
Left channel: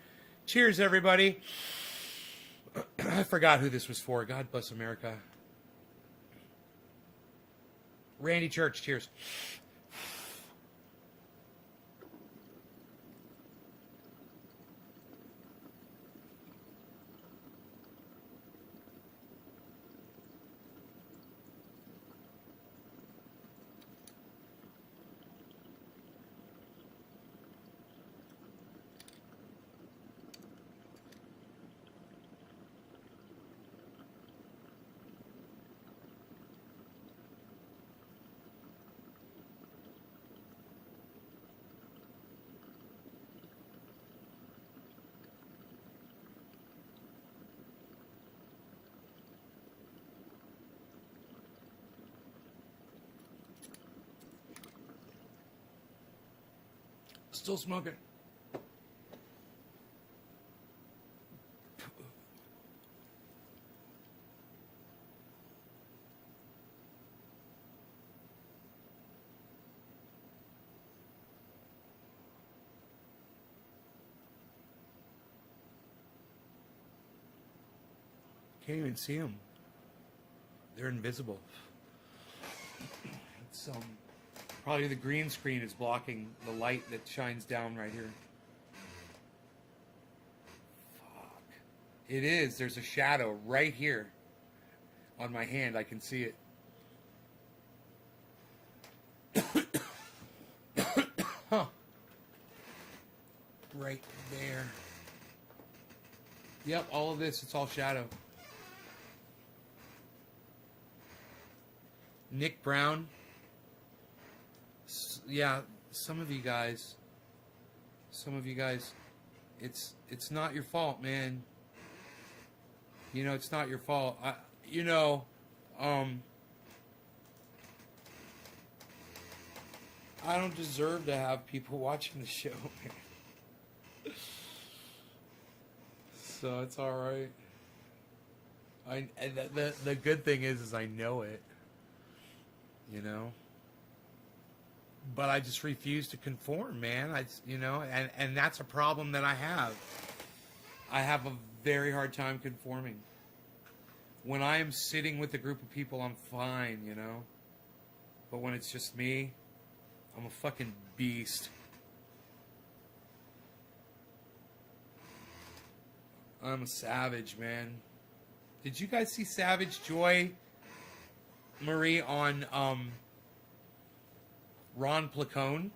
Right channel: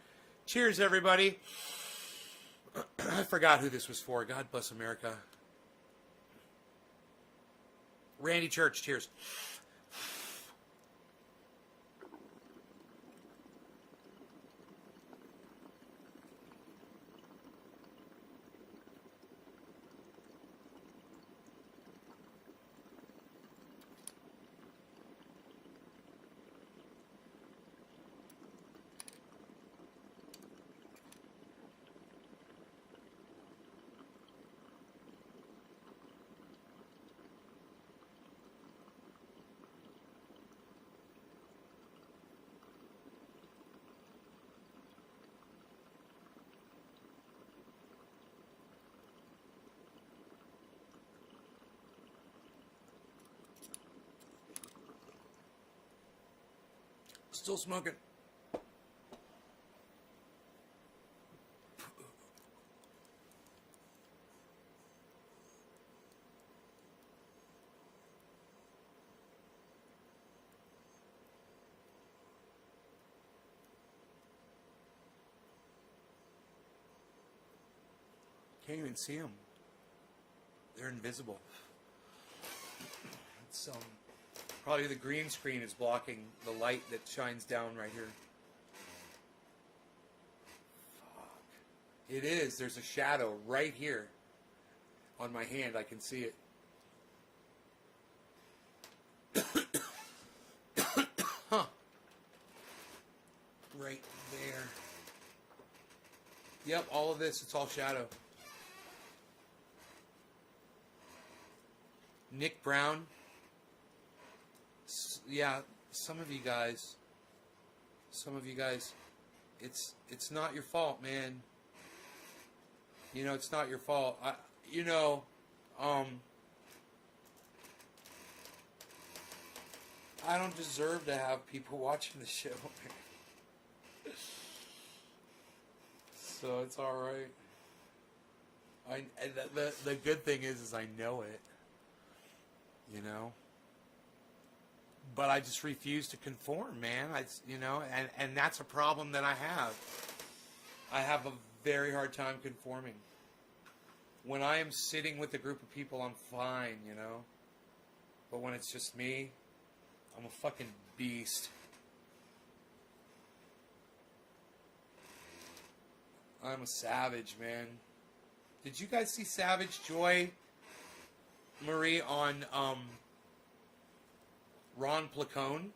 Cheers, everybody. I forgot who this was for. God bless America. Randy Church, cheers. Still smoking. Can't even see them. They're invisible. It's probably the green screen is blocking the light that shines down right here. Fuck. It is. There's a shadow right here on my hand. I can see it. Huh. Right there. Yep, all of this, it's all shadow. Nick Brown. Yeah, some of you guys, it's not your fault, man. You know, it's not your fault. I don't deserve to have people watching the show, man. So it's all right. The good thing is I know it. You know. But I just refuse to conform, man. And that's a problem that I have. I have a very hard time conforming. When I am sitting with a group of people, I'm fine, you know. But when it's just me, I'm a fucking beast. I'm a savage, man. Did you guys see Savage Joy, Marie, on Ron Placone?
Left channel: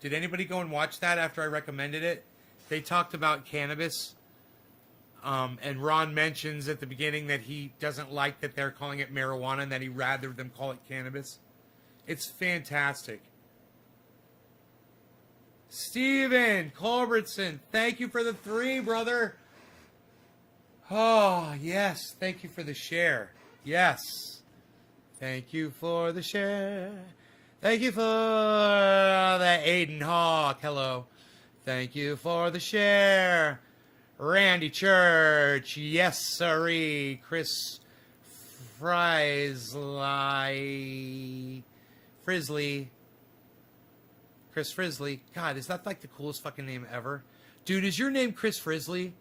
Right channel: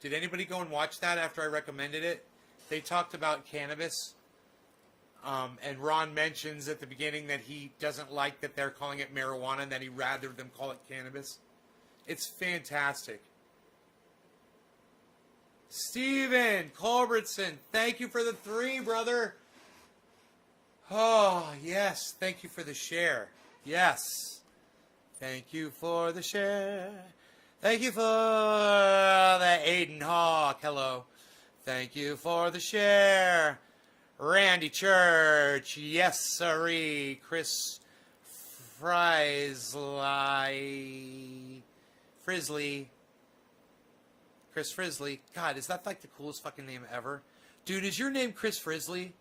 Did anybody go and watch that after I recommended it? They talked about cannabis. And Ron mentions at the beginning that he doesn't like that they're calling it marijuana and that he'd rather them call it cannabis. It's fantastic. Steven Culbertson, thank you for the 3, brother. Oh, yes. Thank you for the share. Yes. Thank you for the share. Thank you for the Aiden Hawk. Hello. Thank you for the share. Randy Church. Yes, sirree. Chris Frisley. Chris Frisley. God, is that like the coolest fucking name ever? Dude, is your name Chris Frisley?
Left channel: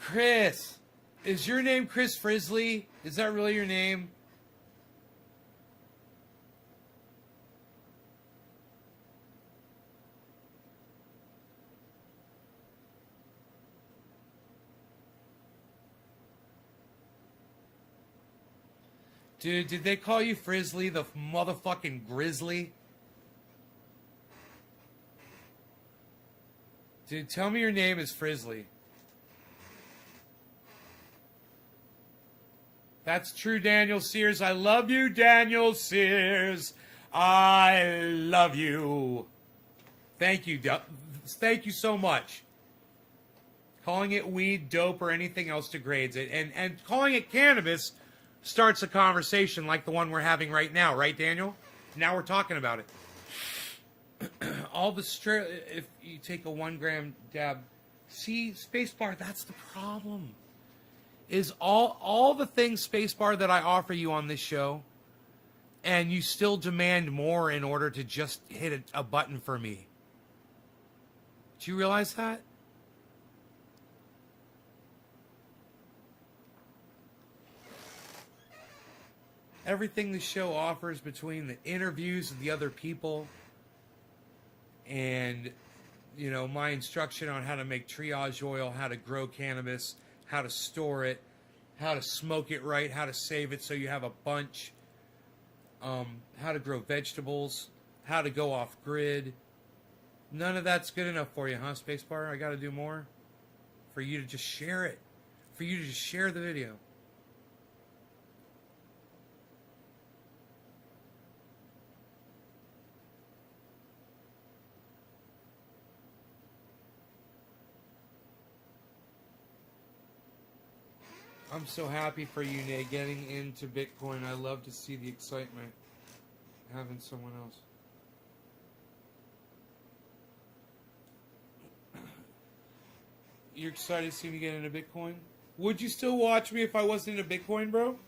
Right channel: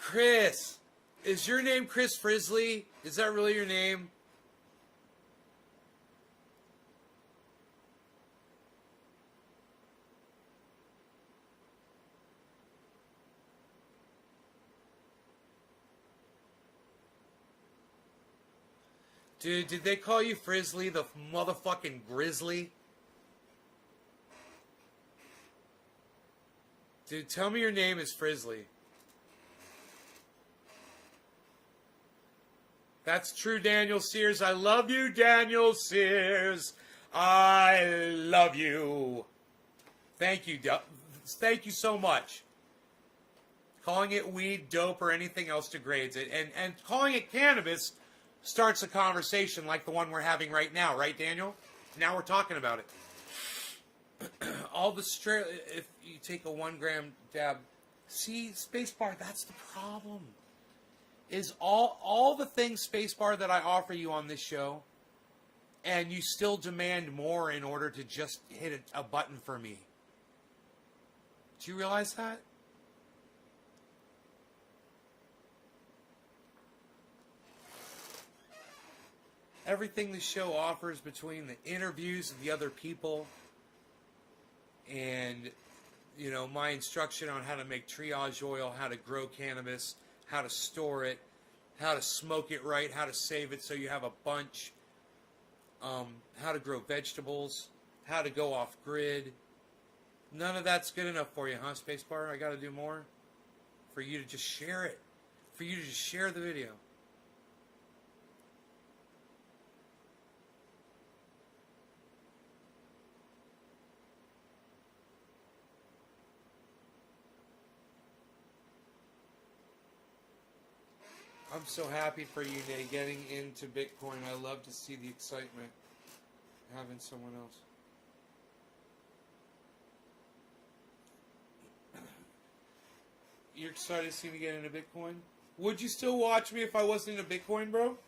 Chris, is your name Chris Frisley? Is that really your name? Dude, did they call you Frizzly, the motherfucking Grizzly? Dude, tell me your name is Frizzly. That's true, Daniel Sears. I love you, Daniel Sears. I love you. Thank you. Thank you so much. Calling it weed, dope, or anything else degrades it. And calling it cannabis starts a conversation like the one we're having right now. Right, Daniel? Now we're talking about it. All the straight... If you take a 1 gram dab... See, spacebar, that's the problem. Is all the things, spacebar, that I offer you on this show, and you still demand more in order to just hit a button for me. Do you realize that? Everything the show offers, between the interviews of the other people and, you know, my instruction on how to make triage oil, how to grow cannabis, how to store it, how to smoke it right, how to save it so you have a bunch, how to grow vegetables, how to go off grid. None of that's good enough for you, huh, Spacebar? I got to do more for you to just share it, for you to just share the video. I'm so happy for you, Nate, getting into Bitcoin. I love to see the excitement having someone else. You're excited to see me get into Bitcoin? Would you still watch me if I wasn't into Bitcoin, bro?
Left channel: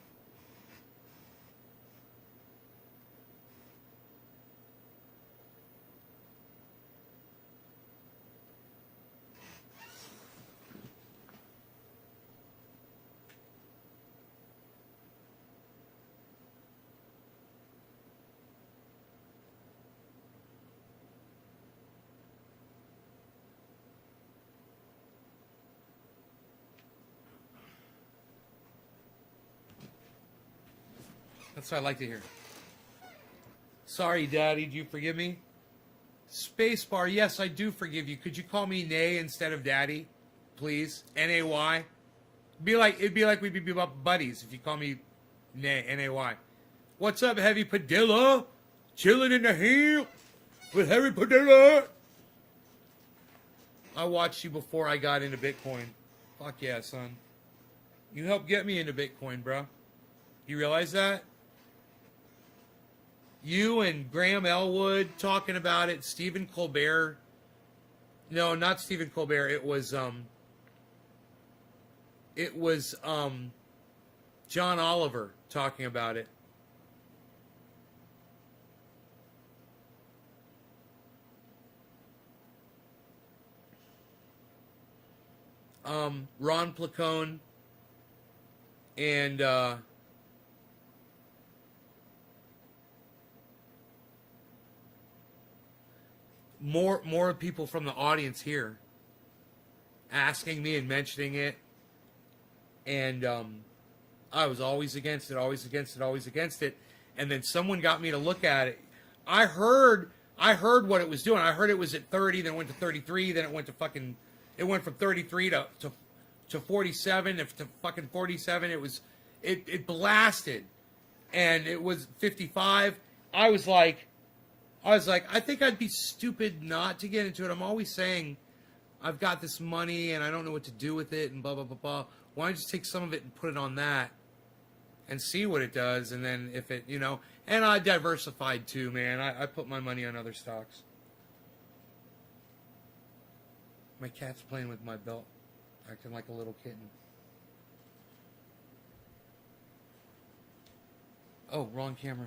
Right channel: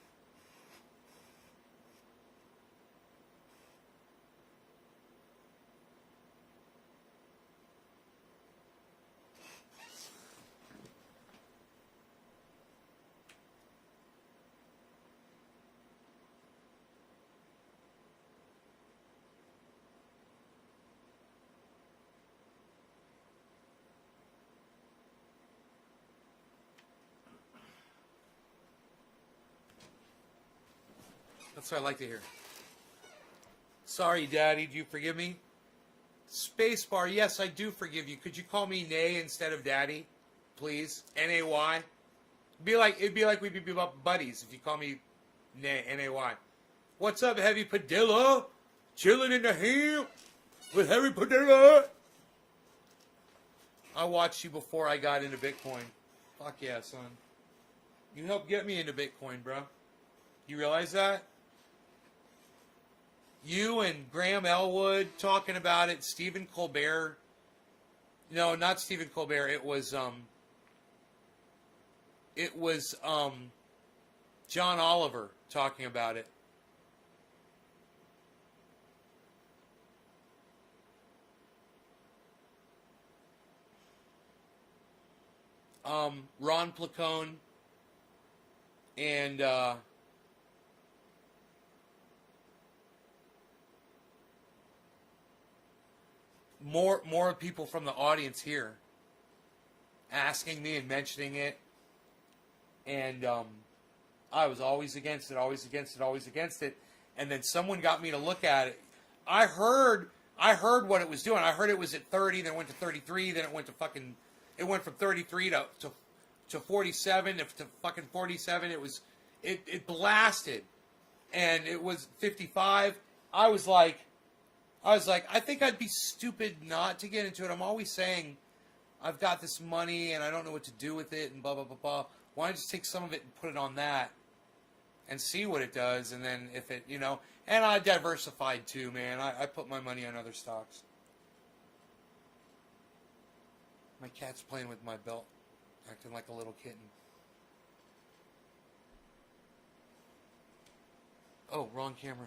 That's what I like to hear. Sorry, Daddy, do you forgive me? Spacebar, yes, I do forgive you. Could you call me Nay instead of Daddy, please? N-A-Y. It'd be like we'd be buddies if you call me Nay, N-A-Y. What's up, Heavy Padilla? Chilling in the hill with Heavy Padilla. I watched you before I got into Bitcoin. Fuck yeah, son. You helped get me into Bitcoin, bro. You realize that? You and Graham Elwood talking about it. Stephen Colbert. No, not Stephen Colbert. It was John Oliver talking about it. Ron Placone and more people from the audience here asking me and mentioning it, and I was always against it, always against it, always against it, and then someone got me to look at it. I heard what it was doing. I heard it was at 30, then it went to 33, then it went from 33 to 47, to fucking 47. It blasted, and it was 55. I was like, I think I'd be stupid not to get into it. I'm always saying, I've got this money and I don't know what to do with it and blah, blah, blah, blah. Why don't I just take some of it and put it on that and see what it does? And then if it, you know, and I diversified too, man. I put my money on other stocks. My cat's playing with my belt, acting like a little kitten. Oh, wrong camera.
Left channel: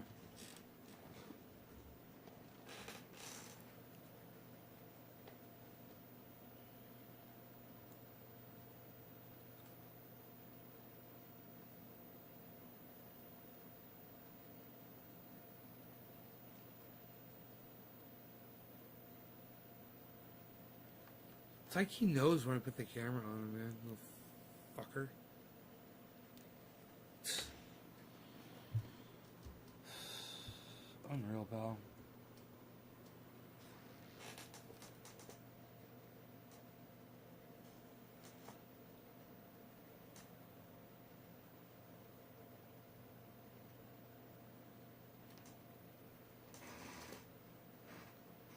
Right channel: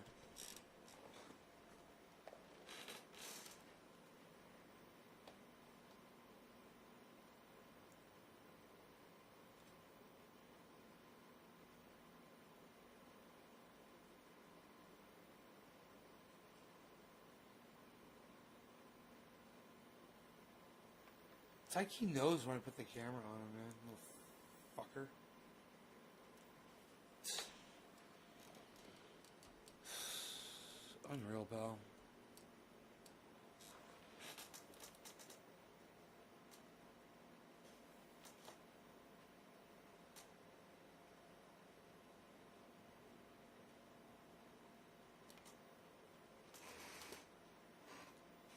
It's like he knows when I put the camera on him, man. Little fucker. Unreal, pal.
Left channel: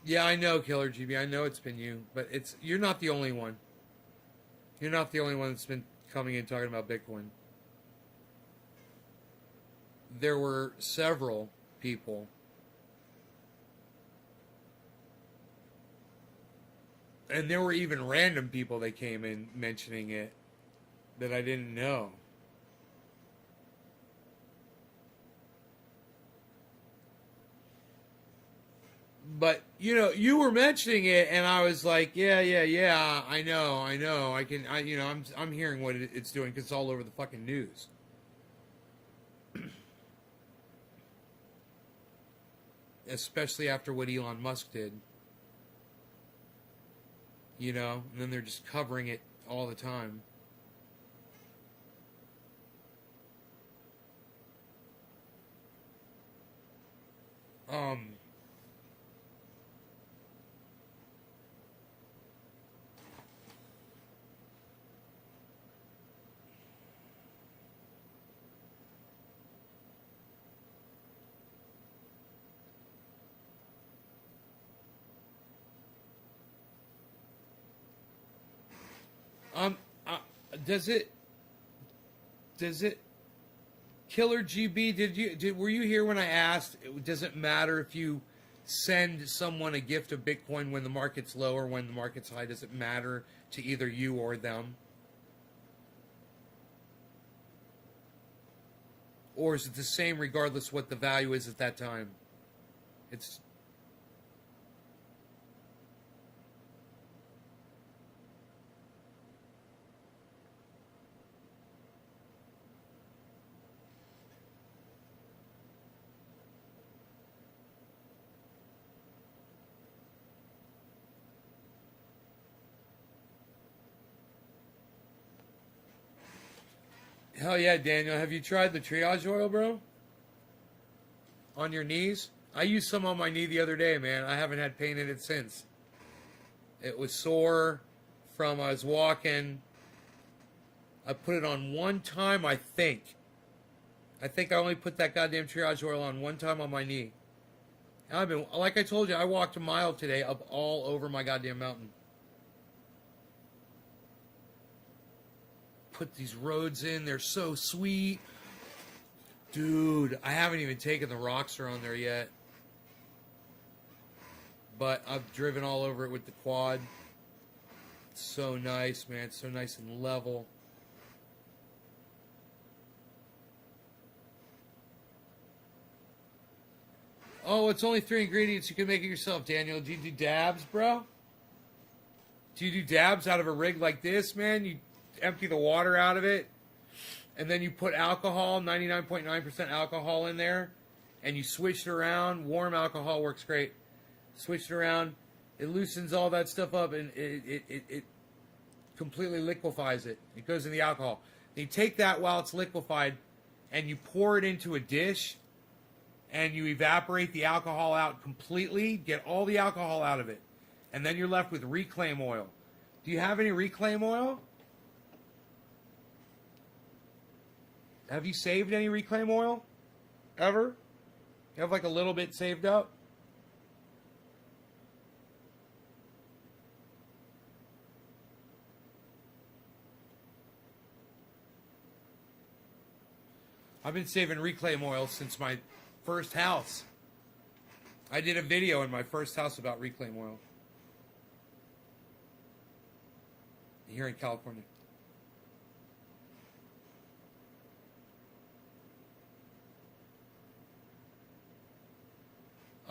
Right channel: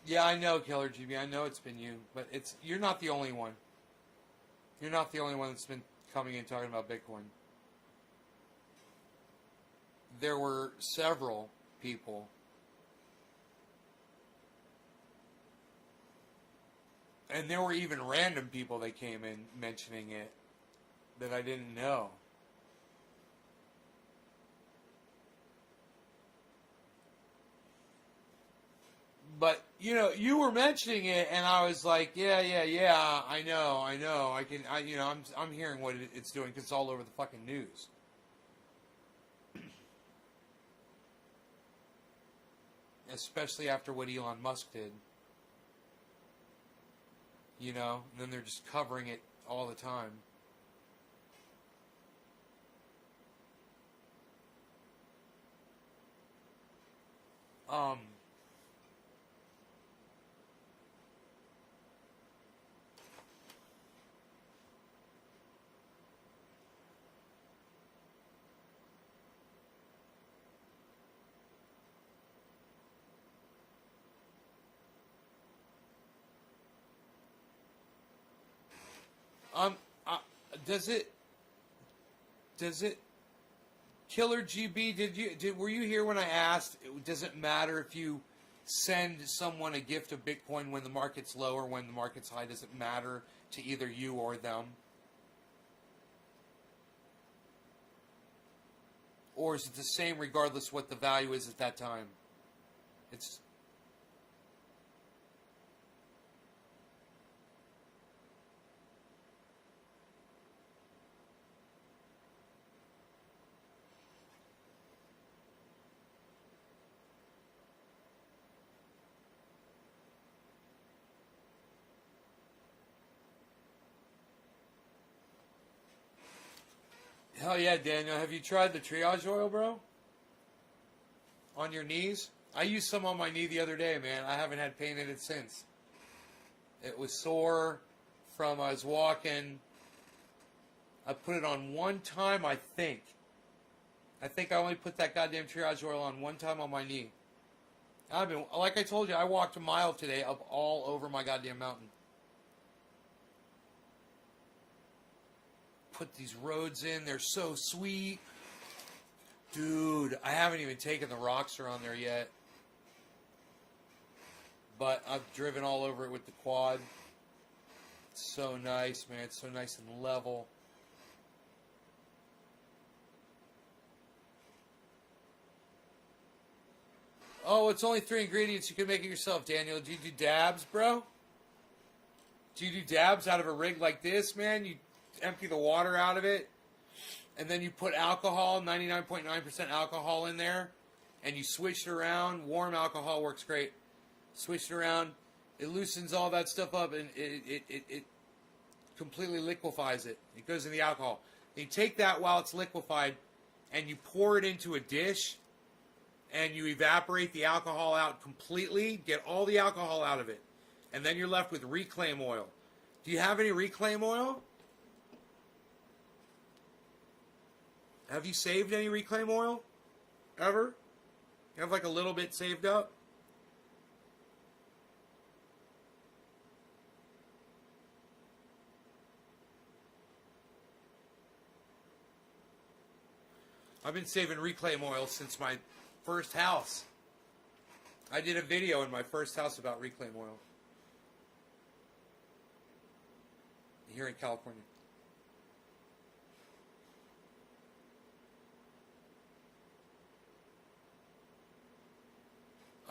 Yeah, I know, Killer GB. I know it's been you, but you're not the only one. You're not the only one that's been coming in talking about Bitcoin. There were several people. And there were even random people that came in mentioning it that I didn't know. But, you know, you were mentioning it, and I was like, yeah, I know. I'm hearing what it's doing because it's all over the fucking news. Especially after what Elon Musk did. You know, and then they're just covering it all the time. Um, uh, does it, Killer GB, were you here when I asked, does it matter if you send someone a gift of Bitcoin when the market's low or when the market's high? Does it matter to either you or them? Or is it the same regardless what the value is at that time? It's... Hell yeah, Daniel. Have you tried the triage oil, bro? On your knees? I used some on my knee the other day, man. I haven't had pain in it since. It was sore from I was walking. I put it on one time, I think. I think I only put that goddamn triage oil on one time on my knee. I've been, like I told you, I walked a mile today up all over my goddamn mountain. Put these roads in, they're so sweet. Dude, I haven't even taken the rocks around there yet. But I've driven all over it with the quad. It's so nice, man. It's so nice and level. Oh, it's only 3 ingredients. You can make it yourself, Daniel. Do you do dabs, bro? Do you do dabs out of a rig like this, man? You empty the water out of it, and then you put alcohol, 99.9% alcohol in there, and you switch it around. Warm alcohol works great. Switch it around. It loosens all that stuff up, and it completely liquefies it. It goes in the alcohol. And you take that while it's liquefied, and you pour it into a dish, and you evaporate the alcohol out completely, get all the alcohol out of it, and then you're left with reclaim oil. Do you have any reclaim oil? Have you saved any reclaim oil? Ever? You have like a little bit saved up? I've been saving reclaim oil since my first house. I did a video in my first house about reclaim oil. Here in California.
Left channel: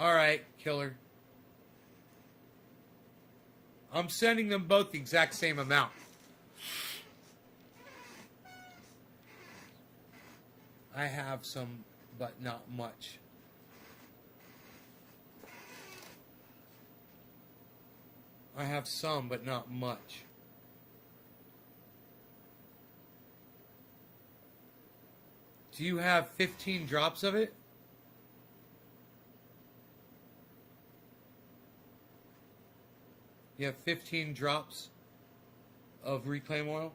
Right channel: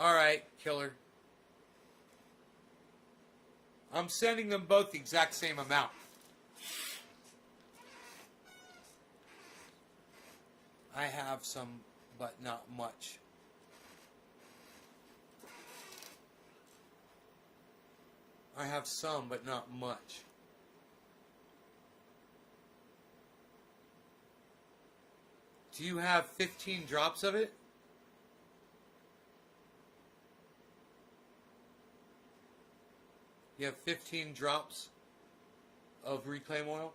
All right, killer. I'm sending them both the exact same amount. I have some, but not much. I have some, but not much. Do you have 15 drops of it? You have 15 drops of reclaim oil?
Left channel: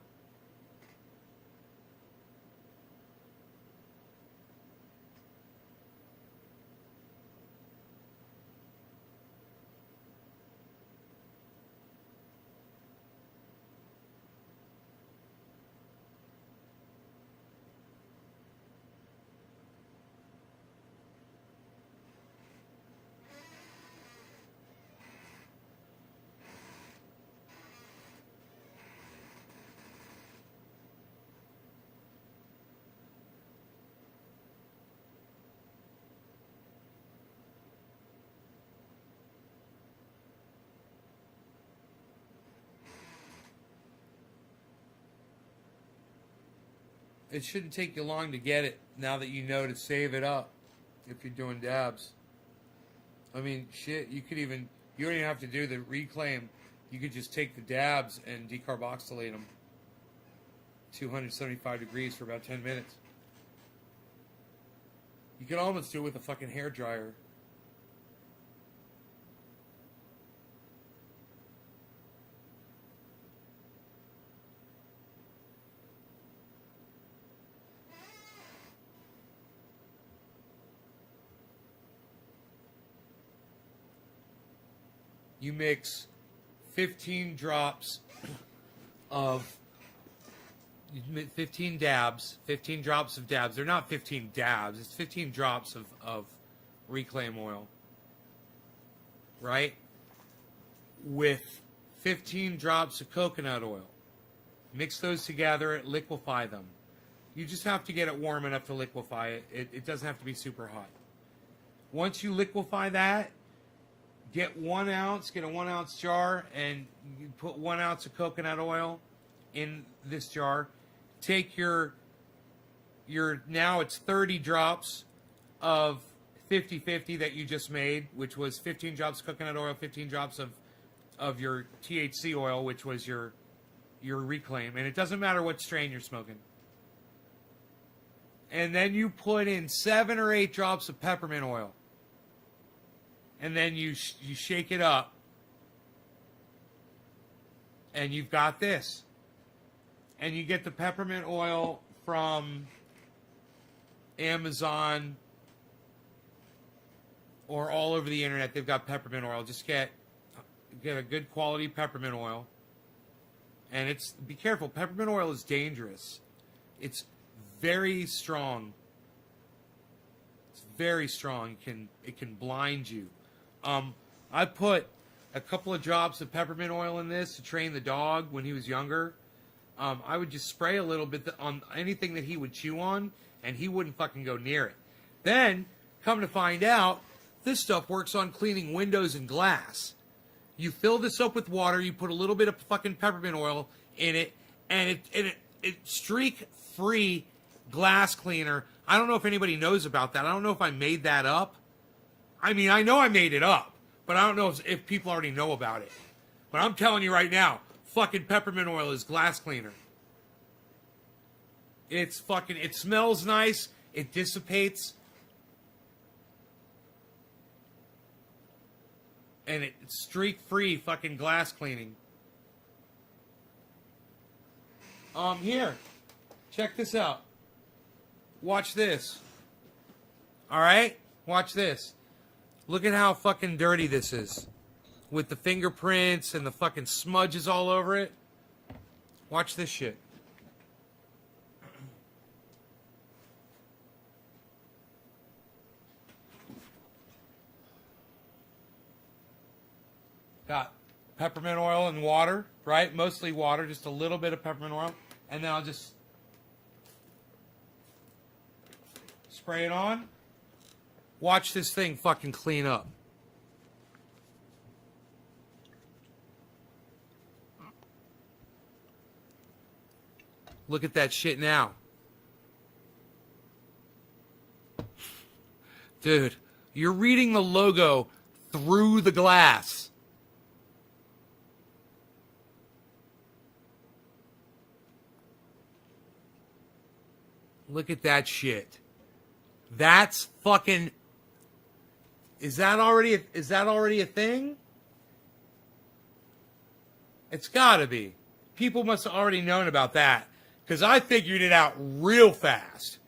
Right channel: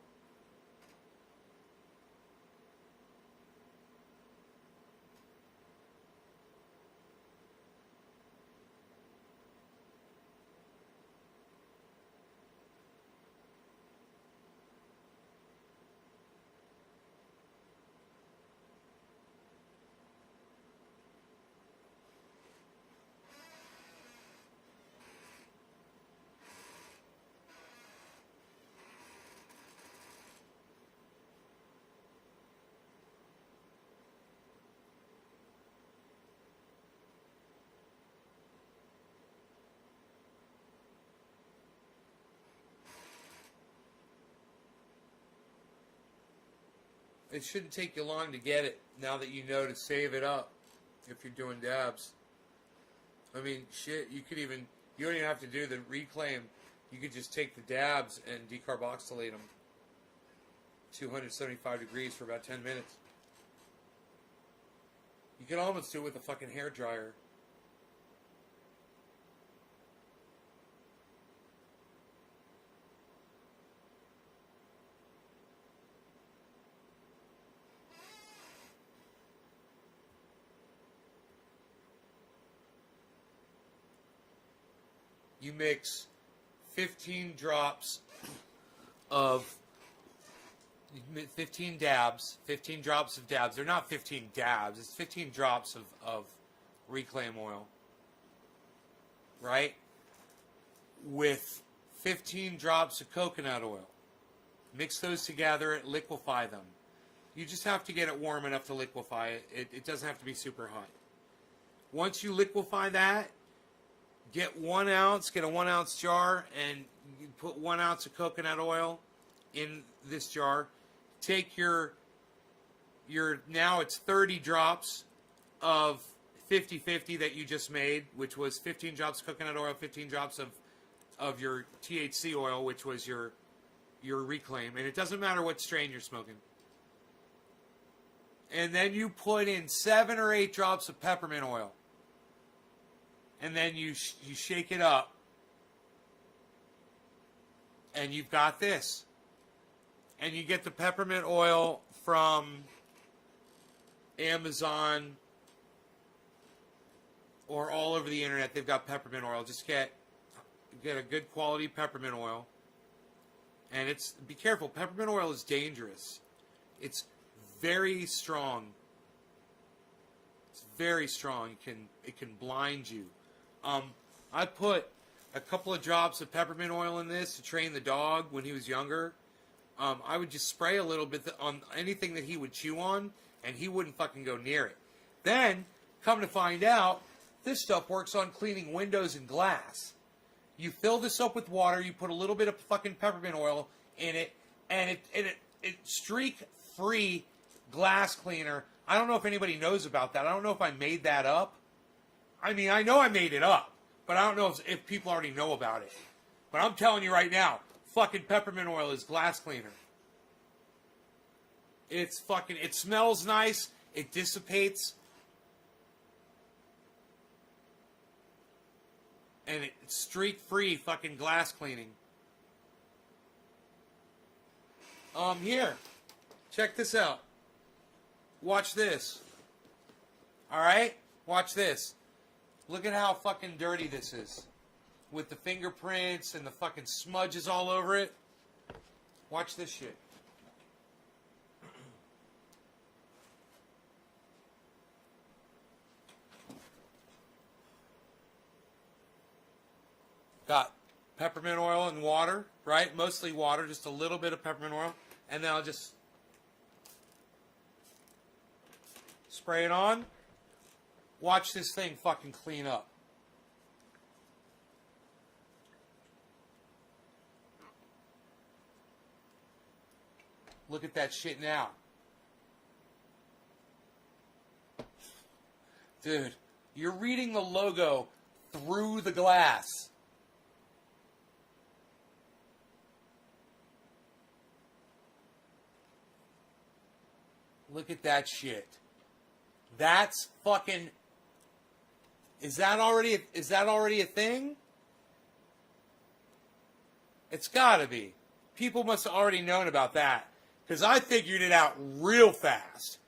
It shouldn't take you long to get it now that you know to save it up if you're doing dabs. I mean, shit, you don't even have to do the reclaim. You could just take the dabs and decarboxylate them 275 degrees for about 10 minutes. You could almost do it with a fucking hair dryer. You mix 15 drops of 15 dabs, 15 drops of dabs. They're not 15 dabs. It's 15 drops of reclaim oil, right? With 15 drops of coconut oil. Mix those together, liquefy them. You just have to get it warm enough to liquefy it. It doesn't have to be super hot. Once you liquefy that, get 1 ounce, get a 1 ounce jar, and you put 1 ounce of coconut oil in this jar. Take your now it's 30 drops of 50-50 that you just made, which was 15 drops of coconut oil, 15 drops of your THC oil, which was your reclaim. And it doesn't matter what strain you're smoking. And then you put in 7 or 8 drops of peppermint oil. And then you shake it up, and you've got this. And you get the peppermint oil from Amazon or all over the internet. They've got peppermint oil. Just get a good quality peppermint oil. And be careful. Peppermint oil is dangerous. It's very strong. It's very strong. It can blind you. I put a couple of drops of peppermint oil in this to train the dog when he was younger. I would just spray a little bit on anything that he would chew on, and he wouldn't fucking go near it. Then, come to find out, this stuff works on cleaning windows and glass. You fill this up with water, you put a little bit of fucking peppermint oil in it, and it streak-free glass cleaner. I don't know if anybody knows about that. I don't know if I made that up. I mean, I know I made it up, but I don't know if people already know about it. But I'm telling you right now, fucking peppermint oil is glass cleaner. It smells nice. It dissipates. And it's streak-free fucking glass cleaning. Here. Check this out. Watch this. Alright? Watch this. Look at how fucking dirty this is. With the fingerprints and the fucking smudges all over it. Watch this shit. Got peppermint oil and water, right? Mostly water, just a little bit of peppermint oil. And then I'll just spray it on. Watch this thing fucking clean up. Look at that shit now. Dude, you're reading the logo through the glass. Look at that shit. That's fucking... Is that already a thing? It's gotta be. People must have already known about that. Because I figured it out real fast.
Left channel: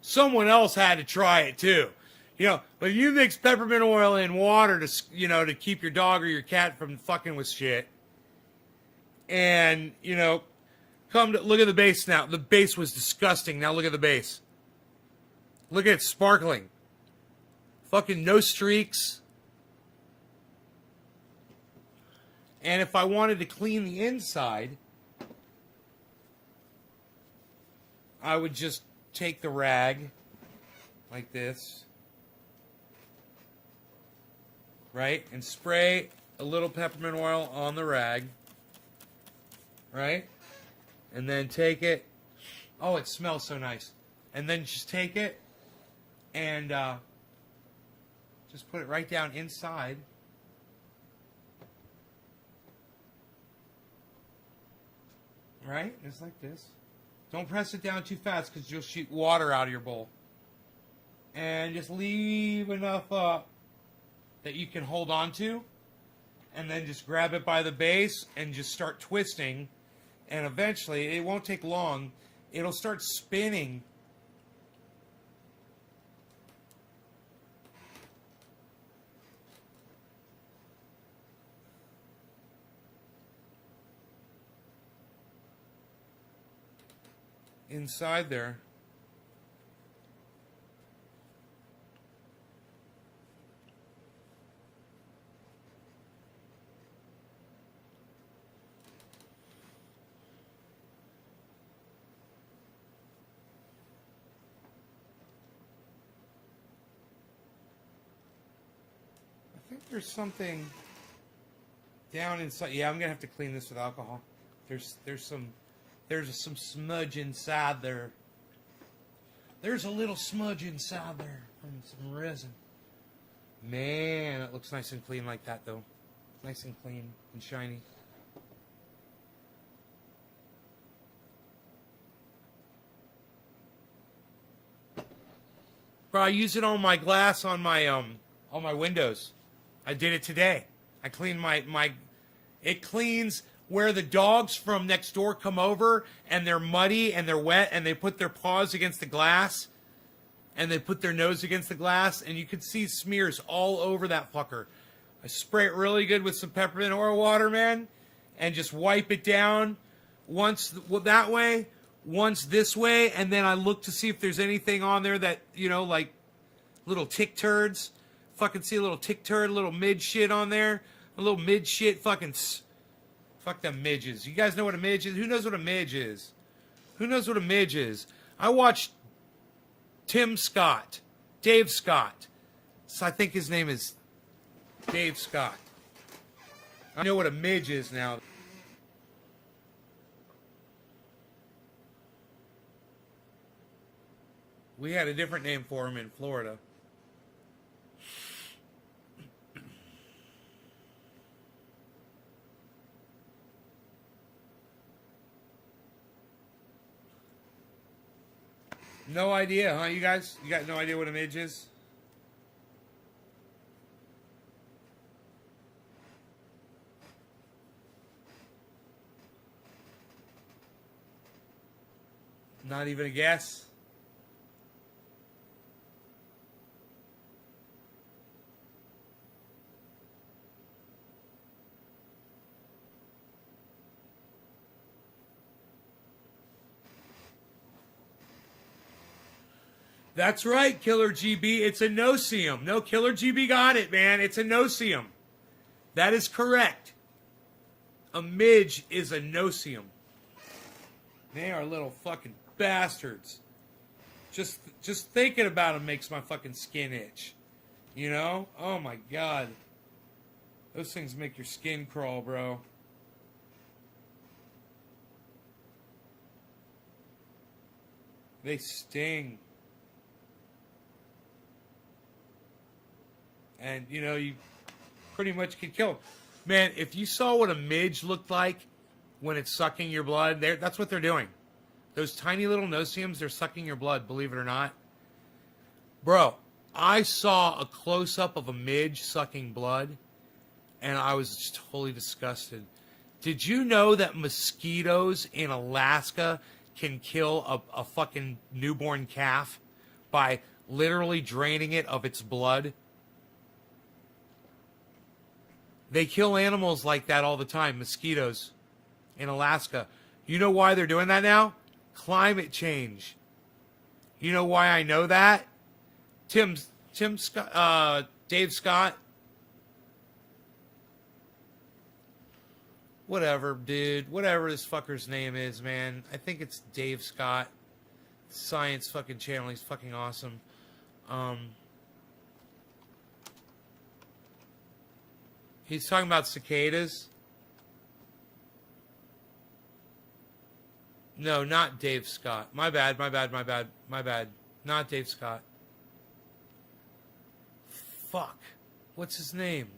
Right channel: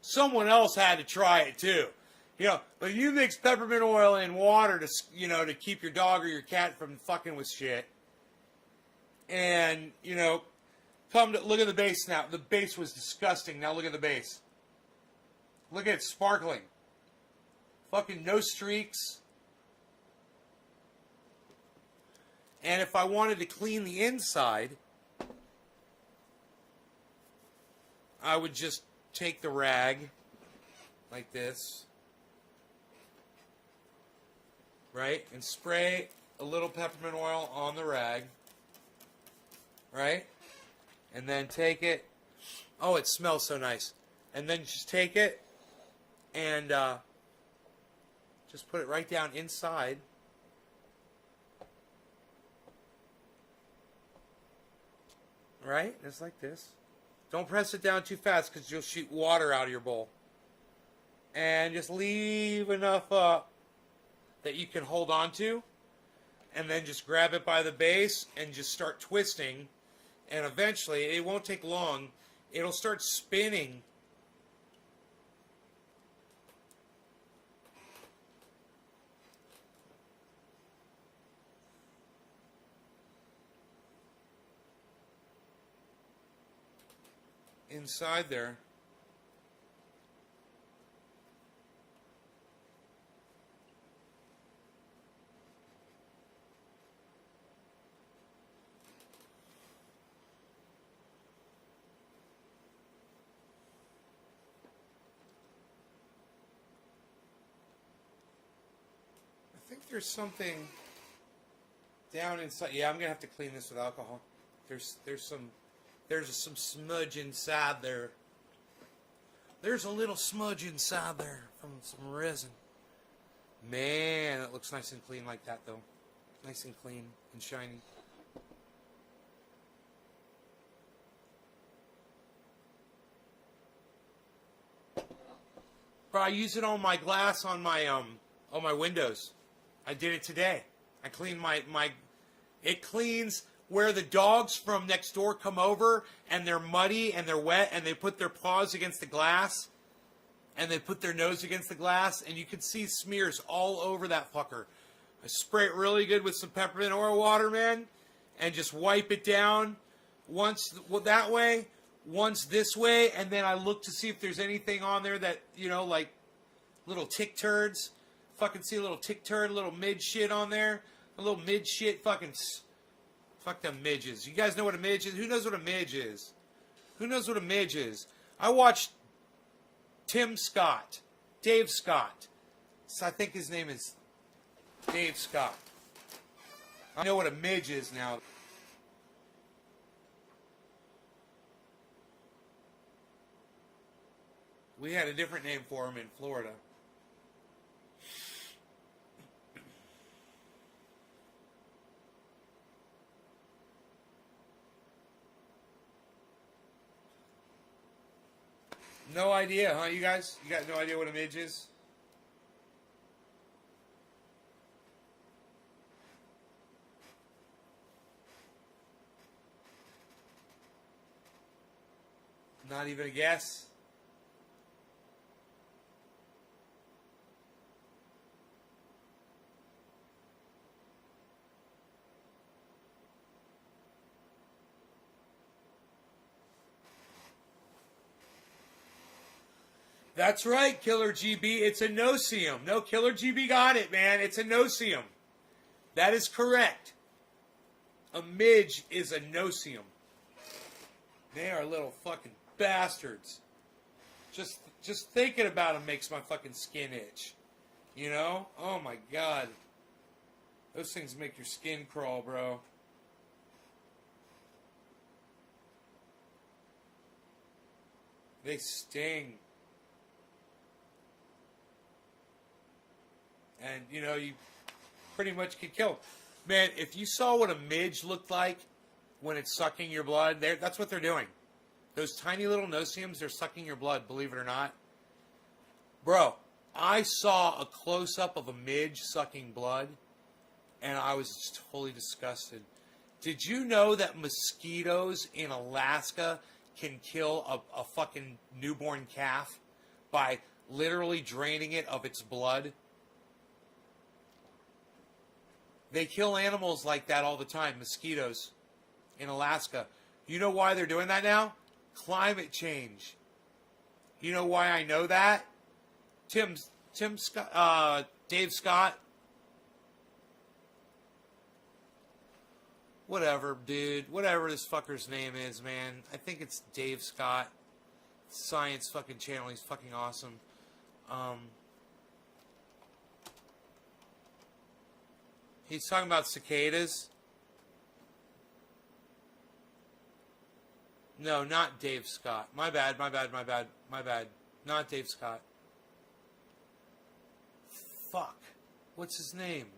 Someone else had to try it too. You know, but if you mix peppermint oil in water to, you know, to keep your dog or your cat from fucking with shit. And, you know, look at the base now. The base was disgusting. Now look at the base. Look at it sparkling. Fucking no streaks. And if I wanted to clean the inside, I would just take the rag like this, right? And spray a little peppermint oil on the rag, right? And then take it. Oh, it smells so nice. And then just take it and just put it right down inside. Right? Just like this. Don't press it down too fast because you'll shoot water out of your bowl. And just leave enough that you can hold on to. And then just grab it by the base and just start twisting. And eventually, it won't take long, it'll start spinning. Inside there. I think there's something down inside. Yeah, I'm gonna have to clean this with alcohol. There's some smudge inside there. There's a little smudge inside there from some resin. Man, it looks nice and clean like that, though. Nice and clean and shiny. Bro, I use it on my glass on my windows. I did it today. I cleaned it cleans where the dogs from next door come over and they're muddy and they're wet and they put their paws against the glass and they put their nose against the glass and you can see smears all over that fucker. I spray it really good with some peppermint oil water, man, and just wipe it down once that way, once this way, and then I look to see if there's anything on there that, you know, like little tick turds. Fucking see a little tick turd, a little mid shit on there. A little mid shit fucking... Fuck them midges. You guys know what a midge is? Who knows what a midge is? Who knows what a midge is? I watched Dave Scott. So I think his name is Dave Scott. I know what a midge is now. We had a different name for him in Florida. No idea, huh, you guys? You got no idea what a midge is? Not even a guess? That's right, Killer GB. It's a no-seum. No, Killer GB got it, man. It's a no-seum. That is correct. A midge is a no-seum. They are little fucking bastards. Just thinking about them makes my fucking skin itch. You know? Oh my god. Those things make your skin crawl, bro. They sting. And, you know, you pretty much could kill them. Man, if you saw what a midge looked like when it's sucking your blood, that's what they're doing. Those tiny little no-see-ums, they're sucking your blood, believe it or not. Bro, I saw a close-up of a midge sucking blood, and I was just totally disgusted. Did you know that mosquitoes in Alaska can kill a fucking newborn calf by literally draining it of its blood? They kill animals like that all the time, mosquitoes in Alaska. You know why they're doing that now? Climate change. You know why I know that? Tim Scott, Dave Scott. Whatever, dude. Whatever this fucker's name is, man. I think it's Dave Scott. Science fucking channel. He's fucking awesome. He's talking about cicadas. No, not Dave Scott. My bad. Not Dave Scott. Fuck. What's his name?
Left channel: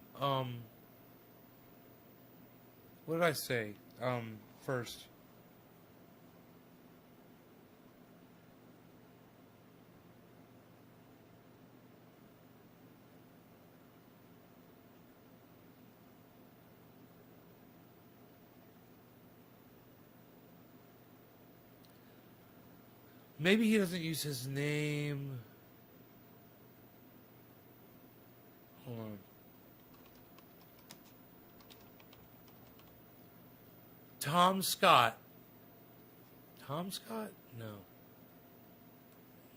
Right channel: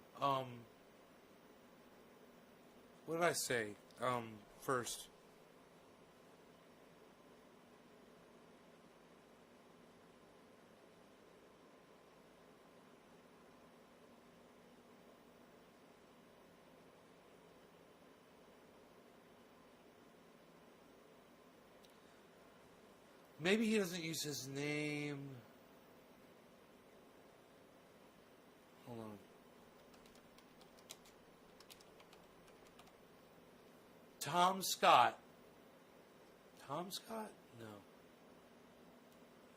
What did I say? First. Maybe he doesn't use his name. Hold on. Tom Scott. Tom Scott? No.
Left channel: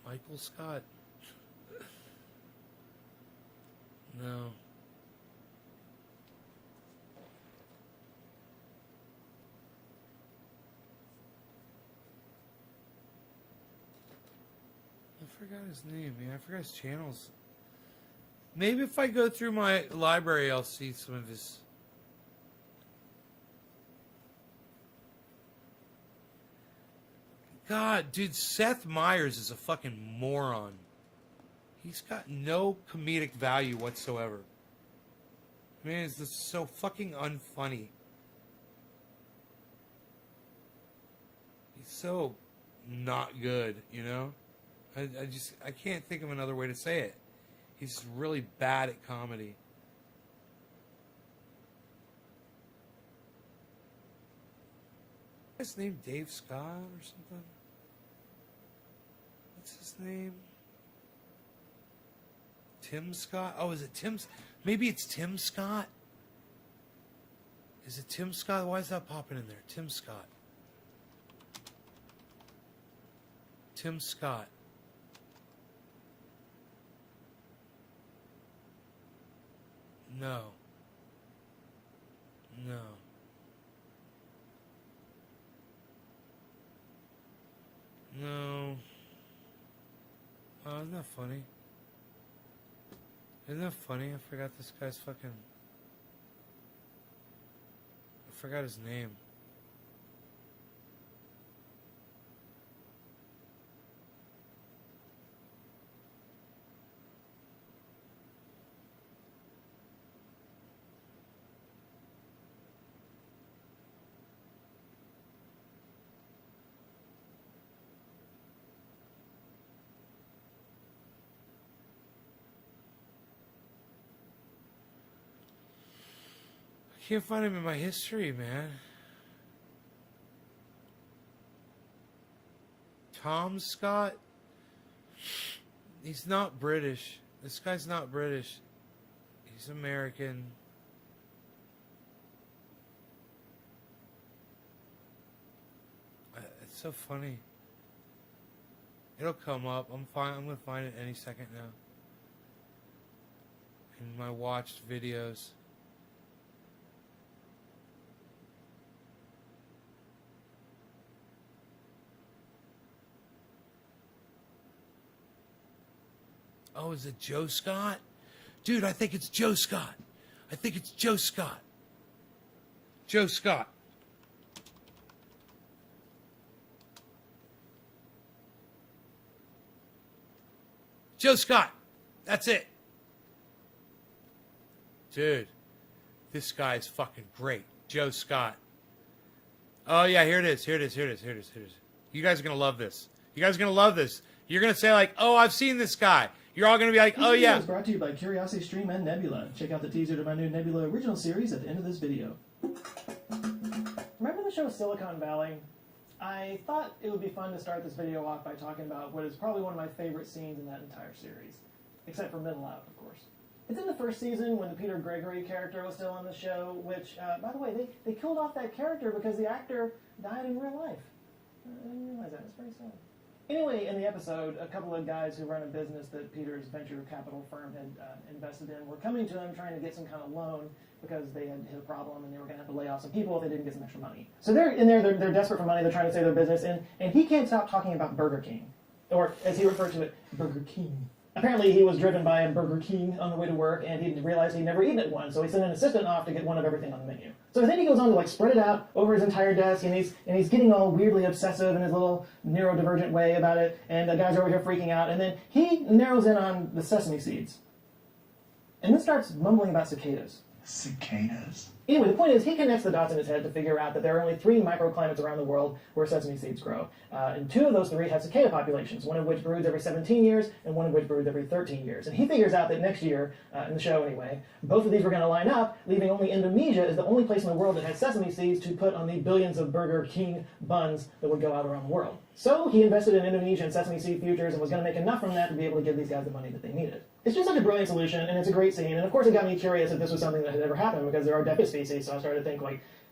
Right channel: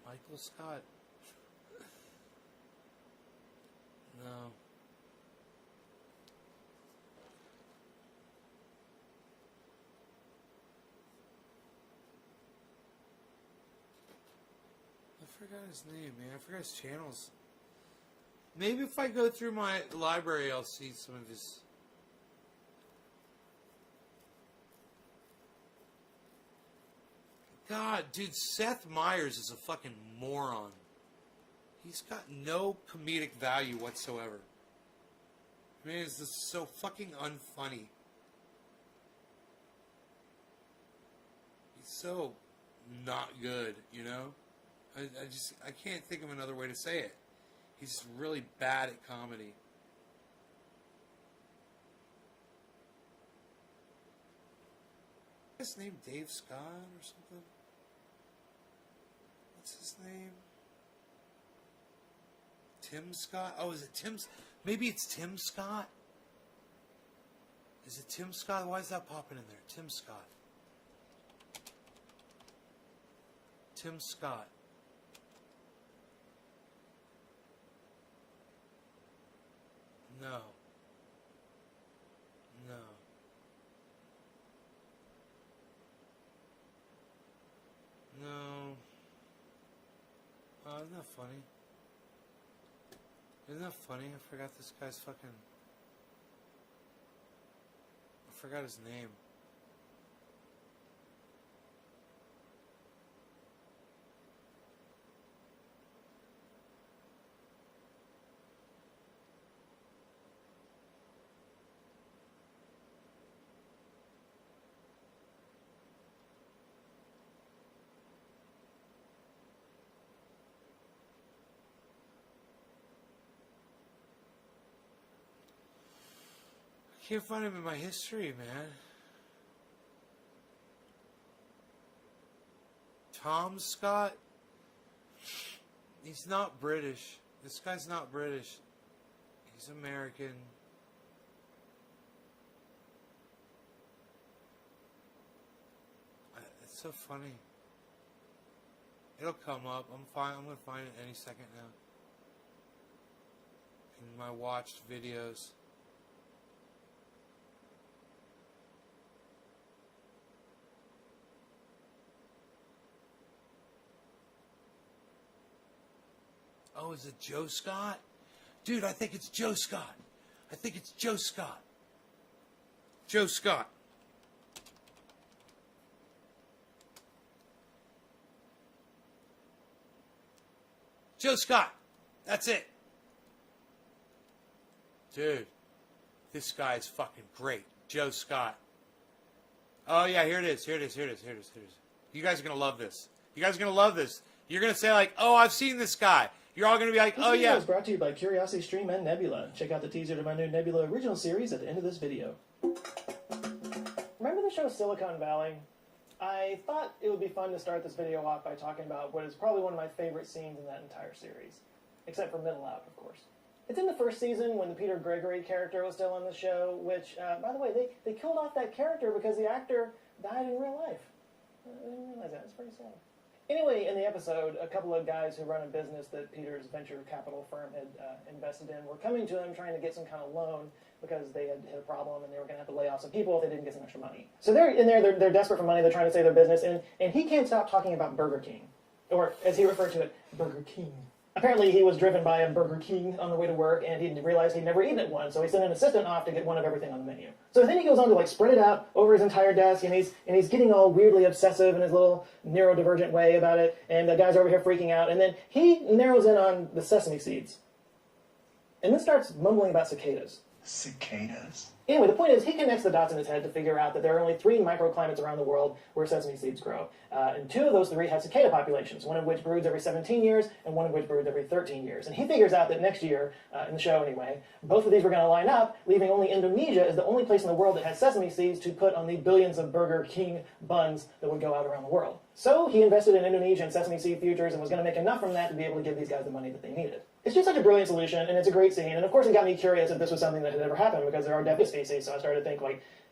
Michael Scott? No. I forgot his name, man. I forgot his channels. Maybe if I go through my library, I'll see some of his... God, dude, Seth Meyers is a fucking moron. He's got no comedic value whatsoever. Man, it's just so fucking unfunny. He's so not good, you know? I can't think of another way to say it. He's really bad at comedy. His name Dave Scott or something? What's his name? Tim Scott? Oh, is it Tim? Maybe it's Tim Scott? Is it Tim Scott? Why is that popping in there? Tim Scott. Tim Scott. No. No. No. Oh, isn't that funny? Isn't that funny? I forgot this guy's fucking... I forgot his name. I can't find him in my history, man. Tom Scott? He's not British. This guy's not British. He's American. It's so funny. It'll come up. I'm gonna find it any second now. In my watched videos. Oh, is it Joe Scott? Dude, I think it's Joe Scott. I think it's Joe Scott. Joe Scott. Joe Scott. That's it. Dude, this guy is fucking great. Joe Scott. Oh, yeah, here it is. Here it is. Here it is. Here it is. Here it is. You guys are going to love this. You guys are going to love this. You're going to say like, oh, I've seen this guy. You're all going to be like, oh, yeah. This video is brought to you by Curiosity Stream and Nebula. Check out the teaser to my new Nebula original series at the end of this video. Remember the show Silicon Valley? I thought it would be fun to start this video off by talking about what is probably one of my favorite scenes in that entire series. Except for Middle Out, of course. It's in the first season when the Peter Gregory character was still on the show, which, by the way, they killed off that character because the actor died in real life. I didn't realize that. It's pretty sad. Anyway, in the episode, a couple of guys who run a business that Peter's venture capital firm had invested in were coming to him trying to get some kind of loan because they had hit a problem and they were going to have to lay off some people if they didn't get some extra money. So they're in there, they're desperate for money, they're trying to save their business, and he can't stop talking about Burger King. Or, as he referred to it, Burger King. Apparently he was driven by a Burger King on the way to work, and he realized he'd never eaten at one, so he sent an assistant off to get one of everything on the menu. So then he goes on to spread it out over his entire desk, and he's getting all weirdly obsessive in his little neurodivergent way about it, and the guys are over here freaking out, and then he narrows in on the sesame seeds. And then starts mumbling about cicadas. Cicadas? Anyway, the point is, he connects the dots in his head to figure out that there are only 3 microclimates around the world where sesame seeds grow. And 2 of those 3 have cicada populations, one of which broods every 17 years, and one of which broods every 13 years. And he figures out that next year, in the show anyway, both of these were going to line up, leaving only Indonesia as the only place in the world that has sesame seeds to put on the billions of Burger King buns that would go out around the world. So he invested in Indonesian sesame seed futures and was going to make enough from that to be able to give these guys the money that they needed. It's just such a brilliant solution, and it's a great scene, and of course it got me curious if this was something that had ever happened, because there are deaf species, so I started to think,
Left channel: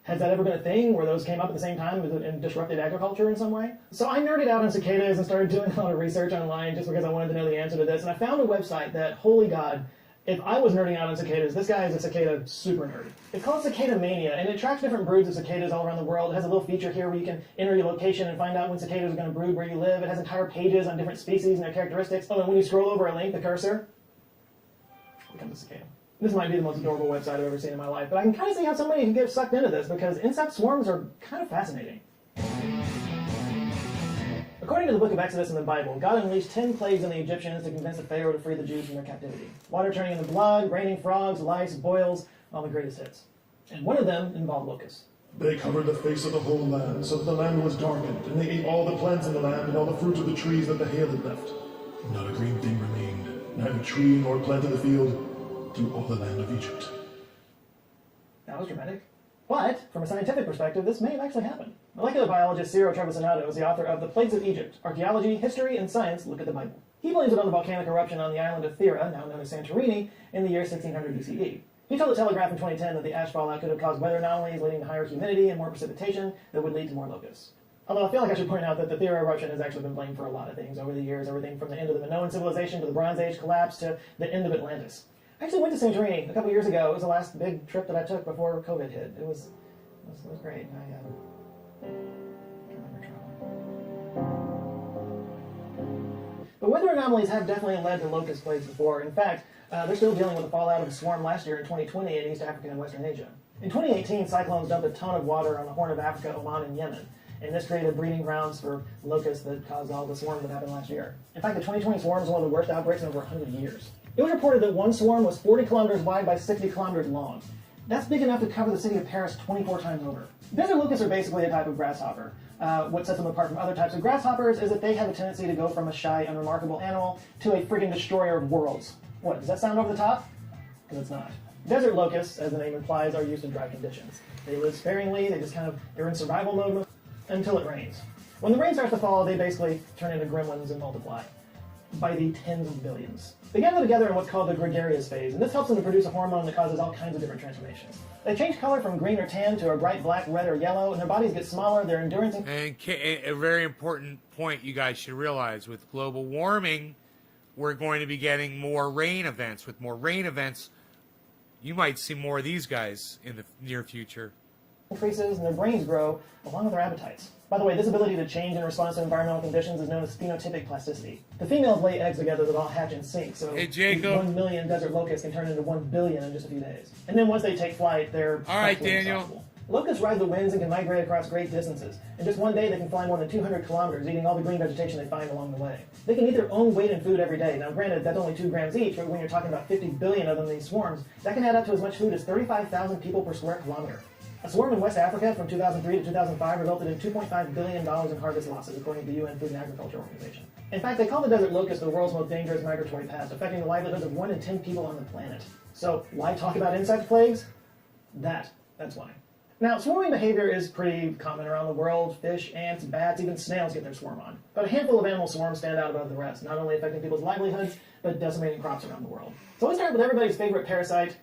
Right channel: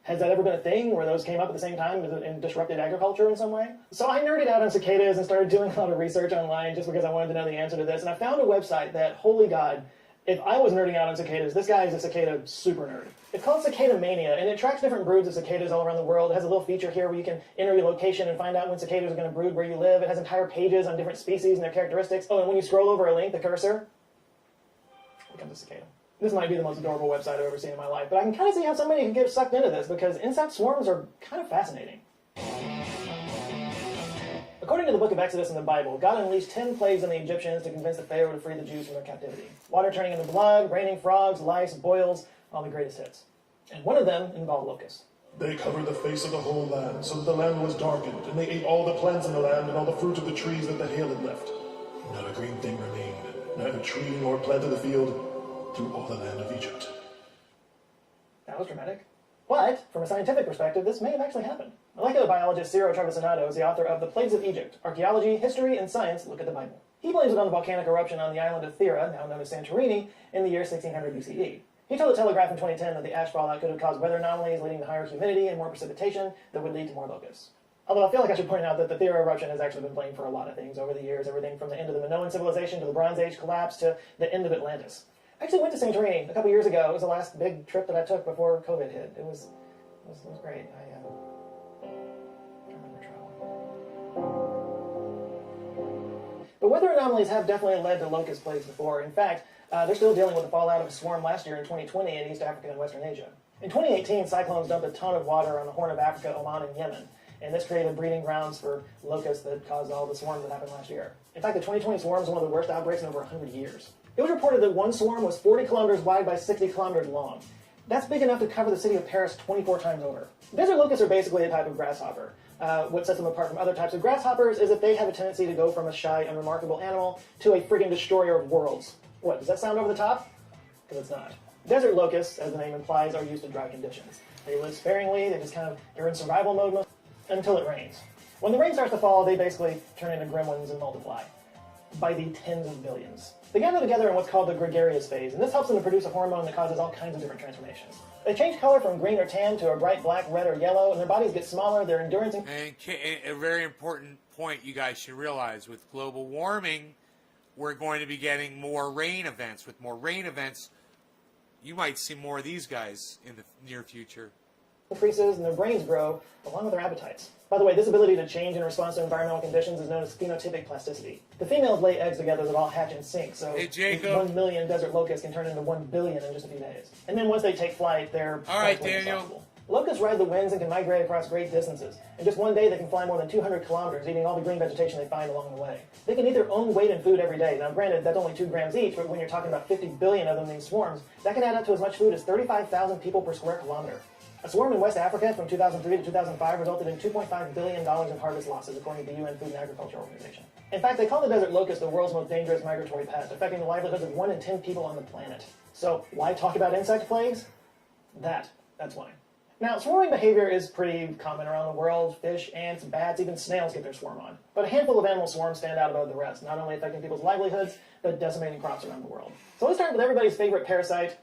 has that ever been a thing where those came up at the same time and disrupted agriculture in some way? So I nerded out on cicadas and started doing a lot of research online just because I wanted to know the answer to this, and I found a website that, holy God, if I was nerding out on cicadas, this guy is a cicada super nerd. It's called Cicada Mania, and it tracks different broods of cicadas all around the world. It has a little feature here where you can enter your location and find out when cicadas are going to brood where you live. It has entire pages on different species and their characteristics. Oh, and when you scroll over a link, the cursor becomes a cicada. This might be the most adorable website I've ever seen in my life, but I can kind of see how somebody can get sucked into this because insect swarms are kind of fascinating. According to the book of Exodus in the Bible, God unleashed 10 plagues on the Egyptians to convince the Pharaoh to free the Jews from their captivity. Water turning into blood, raining frogs, lice, boils, all the greatest hits. And one of them involved locusts. They covered the face of the whole land, so that the land was darkened, and they ate all the plants in the land and all the fruit of the trees that the hail had left. Not a green thing remained, neither tree nor plant of the field, through all the land of Egypt. That was dramatic. But, from a scientific perspective, this may have actually happened. Molecular biologist Ciro Trevisanado is the author of The Plagues of Egypt, Archaeology, History, and Science Look at the Bible. He blames it on the volcanic eruption on the island of Thera, now known as Santorini, in the year 1600 BCE. He told the Telegraph in 2010 that the ash fallout could have caused weather anomalies leading to higher humidity and more precipitation that would lead to more locusts. Although I feel like I should point out that the Thera eruption has actually been blamed for a lot of things over the years, everything from the end of the Minoan civilization to the Bronze Age collapse to the end of Atlantis. I actually went to Santorini a couple years ago. It was the last big trip that I took before COVID hit. It was great. I remember traveling. But weather anomalies have definitely led to locust plagues before. In fact, they're still dealing with the fallout of a swarm last year in 2020 in East Africa and Western Asia. In 2018, cyclones dumped a ton of water on the Horn of Africa, Oman, and Yemen. And this created breeding grounds for locusts that caused all the swarms that happened last year. In fact, the 2020 swarm is one of the worst outbreaks in over 100 years. It was reported that one swarm was 40 kilometers wide by 60 kilometers long. That's big enough to cover the city of Paris 24 times over. Desert locusts are basically a type of grasshopper. What sets them apart from other types of grasshoppers is that they have a tendency to go from a shy, unremarkable animal to a friggin' destroyer of worlds. What, does that sound over the top? Because it's not. Desert locusts, as the name implies, are used to dry conditions. They live sparingly, they're in survival mode until it rains. When the rain starts to fall, they basically turn into gremlins and multiply by the tens of billions. They gather together in what's called the gregarious phase, and this helps them to produce a hormone that causes all kinds of different transformations. They change color from green or tan to a bright black, red, or yellow, and their bodies get smaller, their endurance... And a very important point you guys should realize, with global warming, we're going to be getting more rain events. With more rain events, you might see more of these guys in the near future. ...increases, and their brains grow, along with their appetites. By the way, this ability to change in response to environmental conditions is known as phenotypic plasticity. The females lay eggs together that all hatch and sink, so hey, Jacob. 1 million desert locusts can turn into 1 billion in just a few days. And then once they take flight, they're... All right, Daniel. Unstoppable. Locusts ride the winds and can migrate across great distances. In just one day, they can fly more than 200 kilometers, eating all the green vegetation they find along the way. They can eat their own weight in food every day. Now, granted, that's only 2 grams each, but when you're talking about 50 billion of them in these swarms, that can add up to as much food as 35,000 people per square kilometer. A swarm in West Africa from 2003 to 2005 resulted in $2.5 billion in harvest losses, according to the UN Food and Agriculture Organization. In fact, they call the desert locust the world's most dangerous migratory pest, affecting the livelihoods of 1 in 10 people on the planet. So, why talk about insect plagues? That's why. Now, swarming behavior is pretty common around the world. Fish, ants, bats, even snails get their swarm on. But a handful of animal swarms stand out above the rest, not only affecting people's livelihoods, but decimating crops around the world. So let's start with everybody's favorite parasite,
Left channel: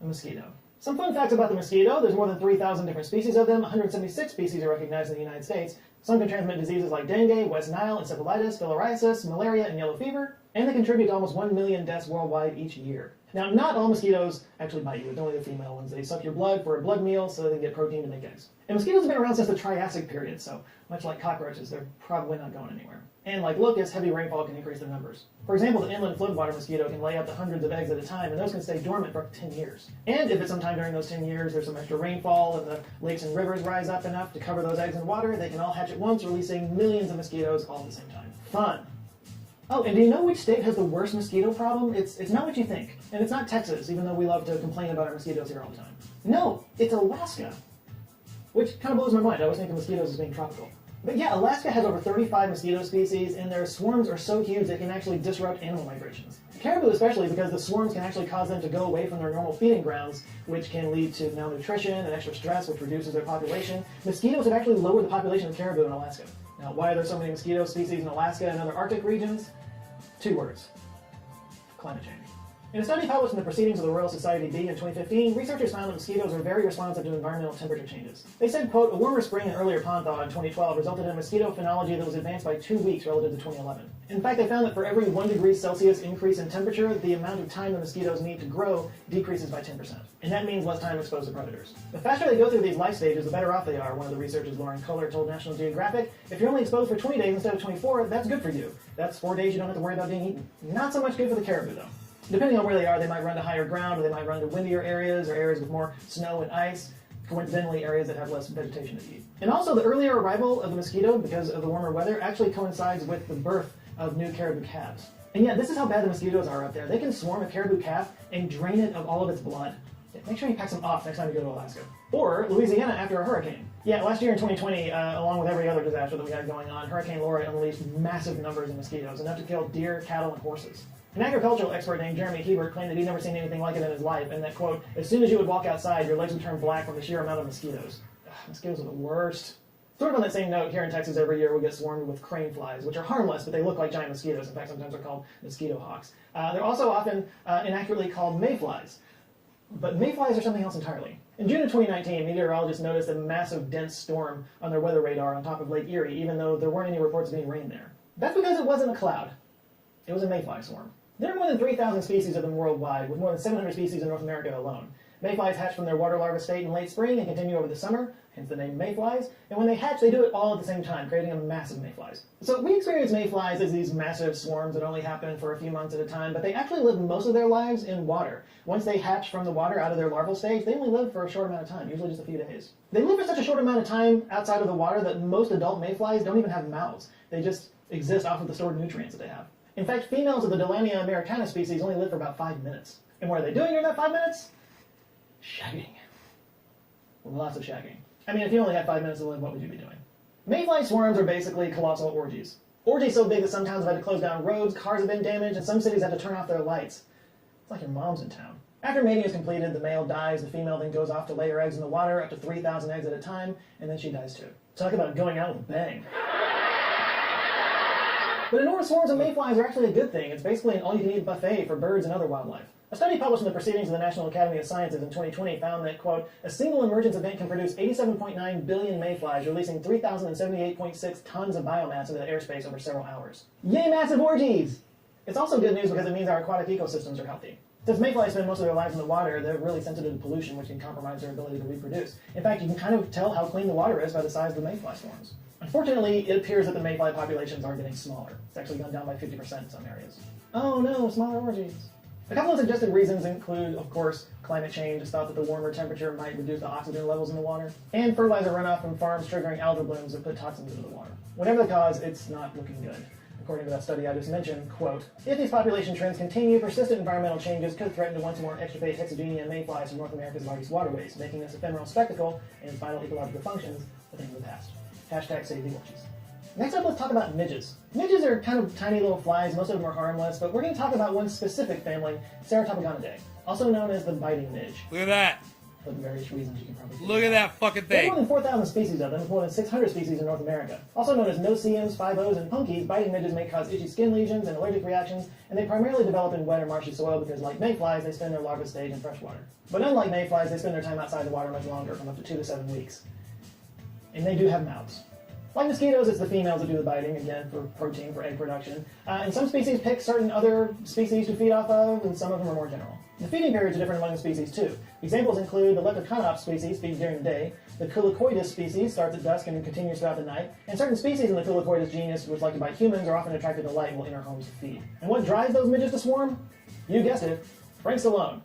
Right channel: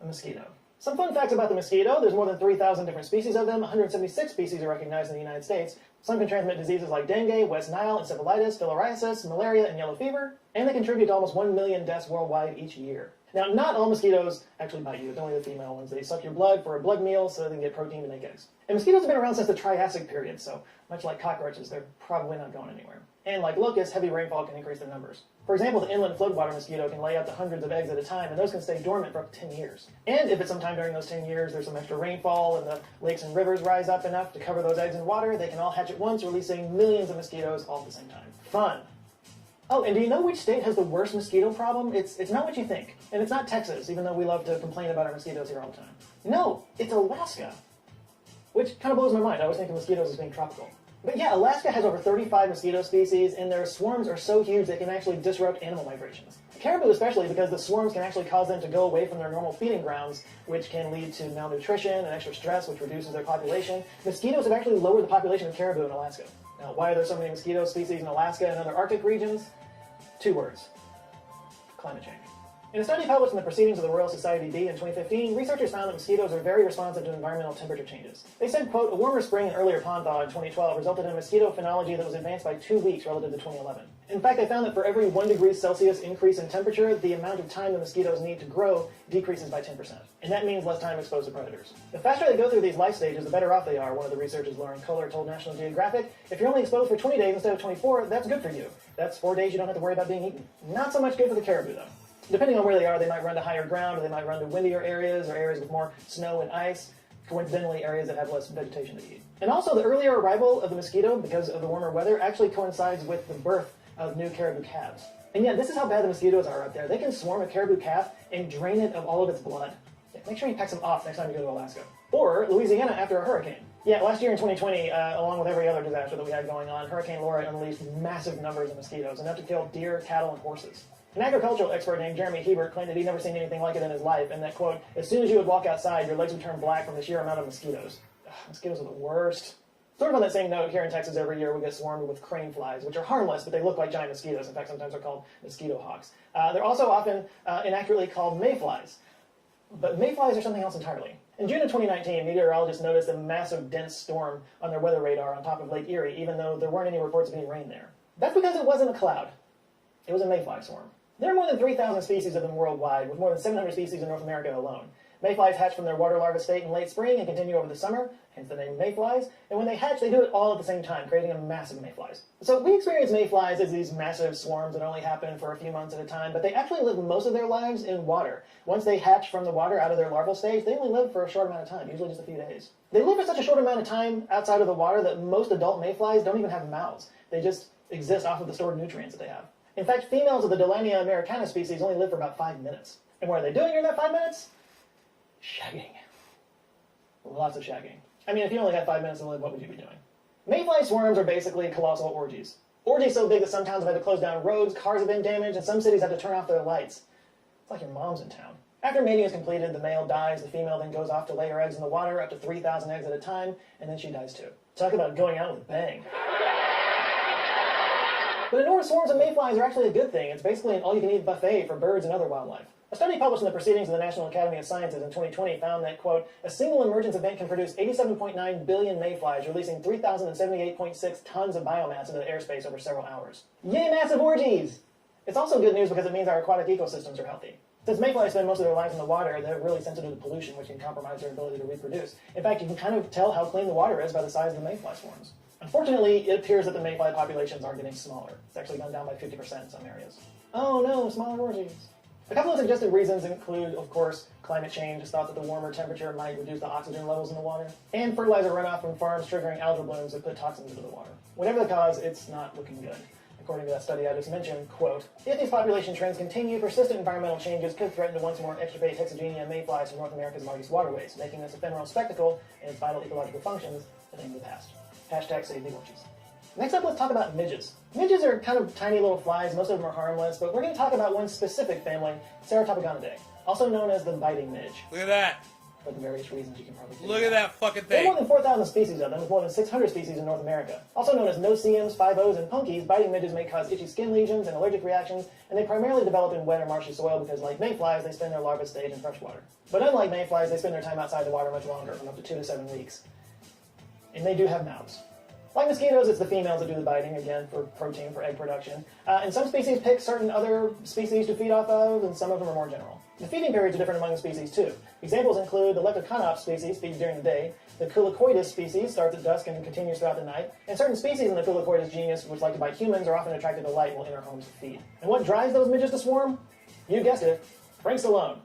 the mosquito. Some fun facts about the mosquito. There's more than 3,000 different species of them. 176 species are recognized in the United States. Some can transmit diseases like dengue, West Nile, encephalitis, filariasis, malaria, and yellow fever, and they contribute to almost 1 million deaths worldwide each year. Now, not all mosquitoes actually bite you. It's only the female ones. They suck your blood for a blood meal so they can get protein to make eggs. And mosquitoes have been around since the Triassic period, so much like cockroaches, they're probably not going anywhere. And like locusts, heavy rainfall can increase their numbers. For example, the inland floodwater mosquito can lay up to hundreds of eggs at a time, and those can stay dormant for up to 10 years. And if at some time during those 10 years there's some extra rainfall and the lakes and rivers rise up enough to cover those eggs in water, they can all hatch at once, releasing millions of mosquitoes all at the same time. Fun! Oh, and do you know which state has the worst mosquito problem? It's not what you think. And it's not Texas, even though we love to complain about our mosquitoes here all the time. No, it's Alaska. Which kind of blows my mind. I always think of mosquitoes as being tropical. But yeah, Alaska has over 35 mosquito species, and their swarms are so huge they can actually disrupt animal migrations. Caribou especially, because the swarms can actually cause them to go away from their normal feeding grounds, which can lead to malnutrition and extra stress, which reduces their population. Mosquitoes have actually lowered the population of caribou in Alaska. Now, why are there so many mosquito species in Alaska and other Arctic regions? 2 words: climate change. In a study published in the Proceedings of the Royal Society B in 2015, researchers found that mosquitoes are very responsive to environmental temperature changes. They said, quote, a warmer spring and earlier pond thaw in 2012 resulted in a mosquito phenology that was advanced by 2 weeks relative to 2011. In fact, they found that for every 1 degree Celsius increase in temperature, the amount of time the mosquitoes need to grow decreases by 10%. And that means less time exposed to predators. The faster they go through these life stages, the better off they are, one of the researchers, Lauren Kohler, told National Geographic. If you're only exposed for 20 days instead of 24, that's good for you. That's 4 days you don't have to worry about being eaten. Not so much good for the caribou, though. Depending on where they are, they might run to higher ground, or they might run to windier areas, or areas with more snow and ice, coincidentally areas that have less vegetation to eat. And also, the earlier arrival of the mosquito, because of the warmer weather, actually coincides with the birth of new caribou calves. And yeah, this is how bad the mosquitoes are up there. They can swarm a caribou calf and drain it of all of its blood. Make sure you pack some off next time you go to Alaska. Or Louisiana after a hurricane. Yeah, last year in 2020, along with every other disaster that we had going on, Hurricane Laura unleashed massive numbers of mosquitoes, enough to kill deer, cattle, and horses. An agricultural expert named Jeremy Hebert claimed that he'd never seen anything like it in his life, and that, quote, as soon as you would walk outside, your legs would turn black from the sheer amount of mosquitoes. Ugh, mosquitoes are the worst. Sort of on that same note, here in Texas every year we get swarmed with crane flies, which are harmless, but they look like giant mosquitoes. In fact, sometimes they're called mosquito hawks. They're also often inaccurately called mayflies. But mayflies are something else entirely. In June of 2019, meteorologists noticed a massive dense storm on their weather radar on top of Lake Erie, even though there weren't any reports of being rain there. That's because it wasn't a cloud. It was a mayfly swarm. There are more than 3,000 species of them worldwide, with more than 700 species in North America alone. Mayflies hatch from their water larvae state in late spring and continue over the summer, hence the name mayflies. And when they hatch, they do it all at the same time, creating a massive mayflies. So we experience mayflies as these massive swarms that only happen for a few months at a time, but they actually live most of their lives in water. Once they hatch from the water out of their larval stage, they only live for a short amount of time, usually just a few days. They live for such a short amount of time outside of the water that most adult mayflies don't even have mouths. They just exist off of the stored nutrients that they have. In fact, females of the Delania americana species only live for about 5 minutes. And what are they doing during that 5 minutes? Shagging. Lots of shagging. I mean, if you only had 5 minutes to live, what would you be doing? Mayfly swarms are basically colossal orgies. Orgies so big that some towns have had to close down roads, cars have been damaged, and some cities have to turn off their lights. It's like your mom's in town. After mating is completed, the male dies, the female then goes off to lay her eggs in the water, up to 3,000 eggs at a time, and then she dies too. Talk about going out with a bang. But enormous swarms of mayflies are actually a good thing. It's basically an all-you-can-eat buffet for birds and other wildlife. A study published in the Proceedings of the National Academy of Sciences in 2020 found that, quote, a single emergence event can produce 87.9 billion mayflies, releasing 3,078.6 tons of biomass into the airspace over several hours. Yay, massive orgies! It's also good news because it means our aquatic ecosystems are healthy. Since mayflies spend most of their lives in the water, they're really sensitive to pollution, which can compromise their ability to reproduce. In fact, you can kind of tell how clean the water is by the size of the mayfly swarms. Unfortunately, it appears that the mayfly populations are getting smaller. It's actually gone down by 50% in some areas. Oh no, smaller orgies. A couple of suggested reasons include, of course, climate change. It's thought that the warmer temperature might reduce the oxygen levels in the water, and fertilizer runoff from farms triggering algal blooms that put toxins into the water. Whatever the cause, it's not looking good. According to that study I just mentioned, quote, if these population trends continue, persistent environmental changes could threaten to once more extirpate Hexagenia and mayflies from North America's largest waterways, making this ephemeral spectacle and its vital ecological functions a thing of the past. Hashtag save the orchies. Next up, let's talk about midges. Midges are kind of tiny little flies, most of them are harmless, but we're going to talk about one specific family, Ceratopogonidae, also known as the biting midge. Look at that. For various reasons you can probably Look at that fucking There are thing. more than 4,000 species of them, with more than 600 species in North America. Also known as no-see-ums, 5-Os, and punkies, biting midges may cause itchy skin lesions and allergic reactions, and they primarily develop in wet or marshy soil because, like mayflies, they spend their larva stage in fresh water. But unlike mayflies, they spend their time outside the water much longer, from up to 2 to 7 weeks. And they do have mouths. Like mosquitoes, it's the females that do the biting, again, for protein, for egg production. And some species pick certain other species to feed off of, and some of them are more general. The feeding periods are different among the species, too. Examples include the Leptoconops species feeds during the day, the Culicoidus species starts at dusk and continues throughout the night, and certain species in the Culicoidus genus, which like to bite humans, are often attracted to light and will enter homes to feed. And what drives those midges to swarm? You guessed it, Frank Stallone.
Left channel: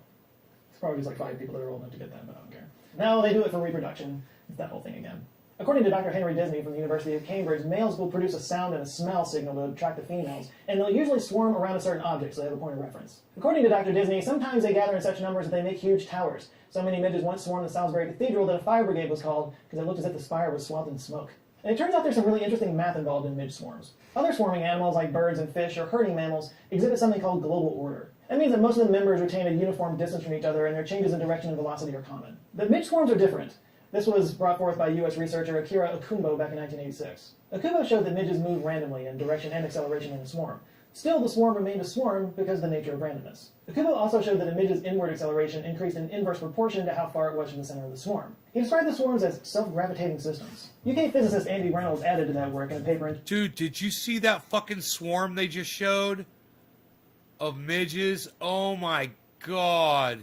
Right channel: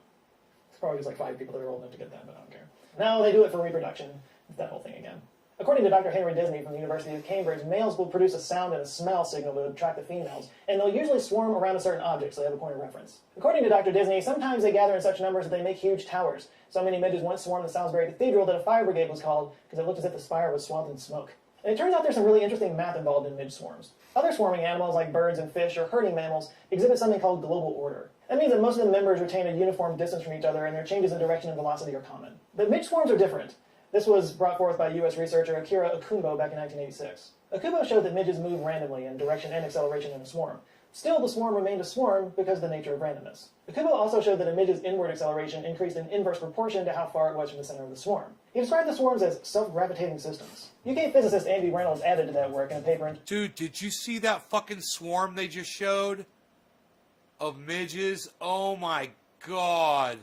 There's probably just like 5 people that are old enough to get that, but I don't care. No, they do it for reproduction. It's that whole thing again. According to Dr. Henry Disney from the University of Cambridge, males will produce a sound and a smell signal to attract the females, and they'll usually swarm around a certain object so they have a point of reference. According to Dr. Disney, sometimes they gather in such numbers that they make huge towers. So many midges once swarmed the Salisbury Cathedral that a fire brigade was called because it looked as if the spire was swathed in smoke. And it turns out there's some really interesting math involved in midge swarms. Other swarming animals like birds and fish or herding mammals exhibit something called global order. That means that most of the members retain a uniform distance from each other and their changes in direction and velocity are common. But midge swarms are different. This was brought forth by U.S. researcher Akira Okumbo back in 1986. Okumbo showed that midges move randomly in direction and acceleration in a swarm. Still, the swarm remained a swarm because of the nature of randomness. Okumbo also showed that a midge's inward acceleration increased in inverse proportion to how far it was from the center of the swarm. He described the swarms as self-gravitating systems. UK physicist Andy Reynolds added to that work in a paper in... Dude, did you see that fucking swarm they just showed? Of midges? Oh my god.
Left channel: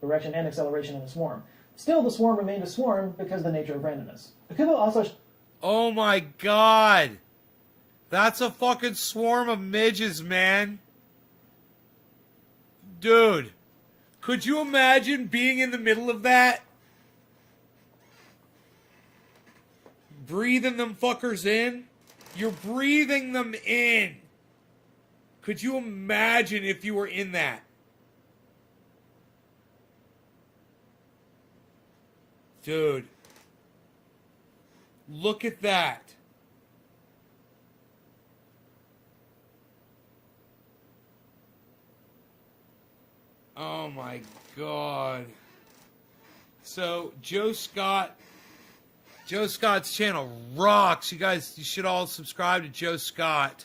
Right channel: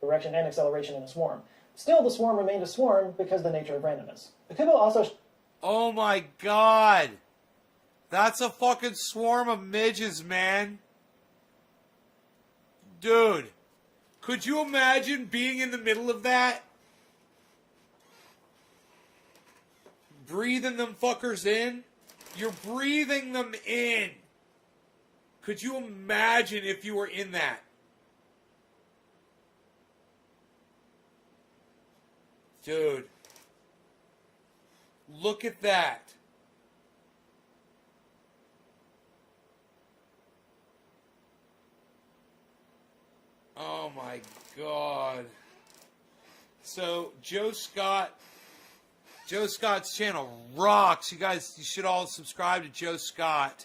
Direction and acceleration in a swarm. Still, the swarm remained a swarm because of the nature of randomness. Okumbo also... Oh my god. That's a fucking swarm of midges, man. Dude. Could you imagine being in the middle of that? Breathing them fuckers in? You're breathing them in. Could you imagine if you were in that? Dude. Look at that. Oh my god. So Joe Scott's channel rocks. You guys, you should all subscribe to Joe Scott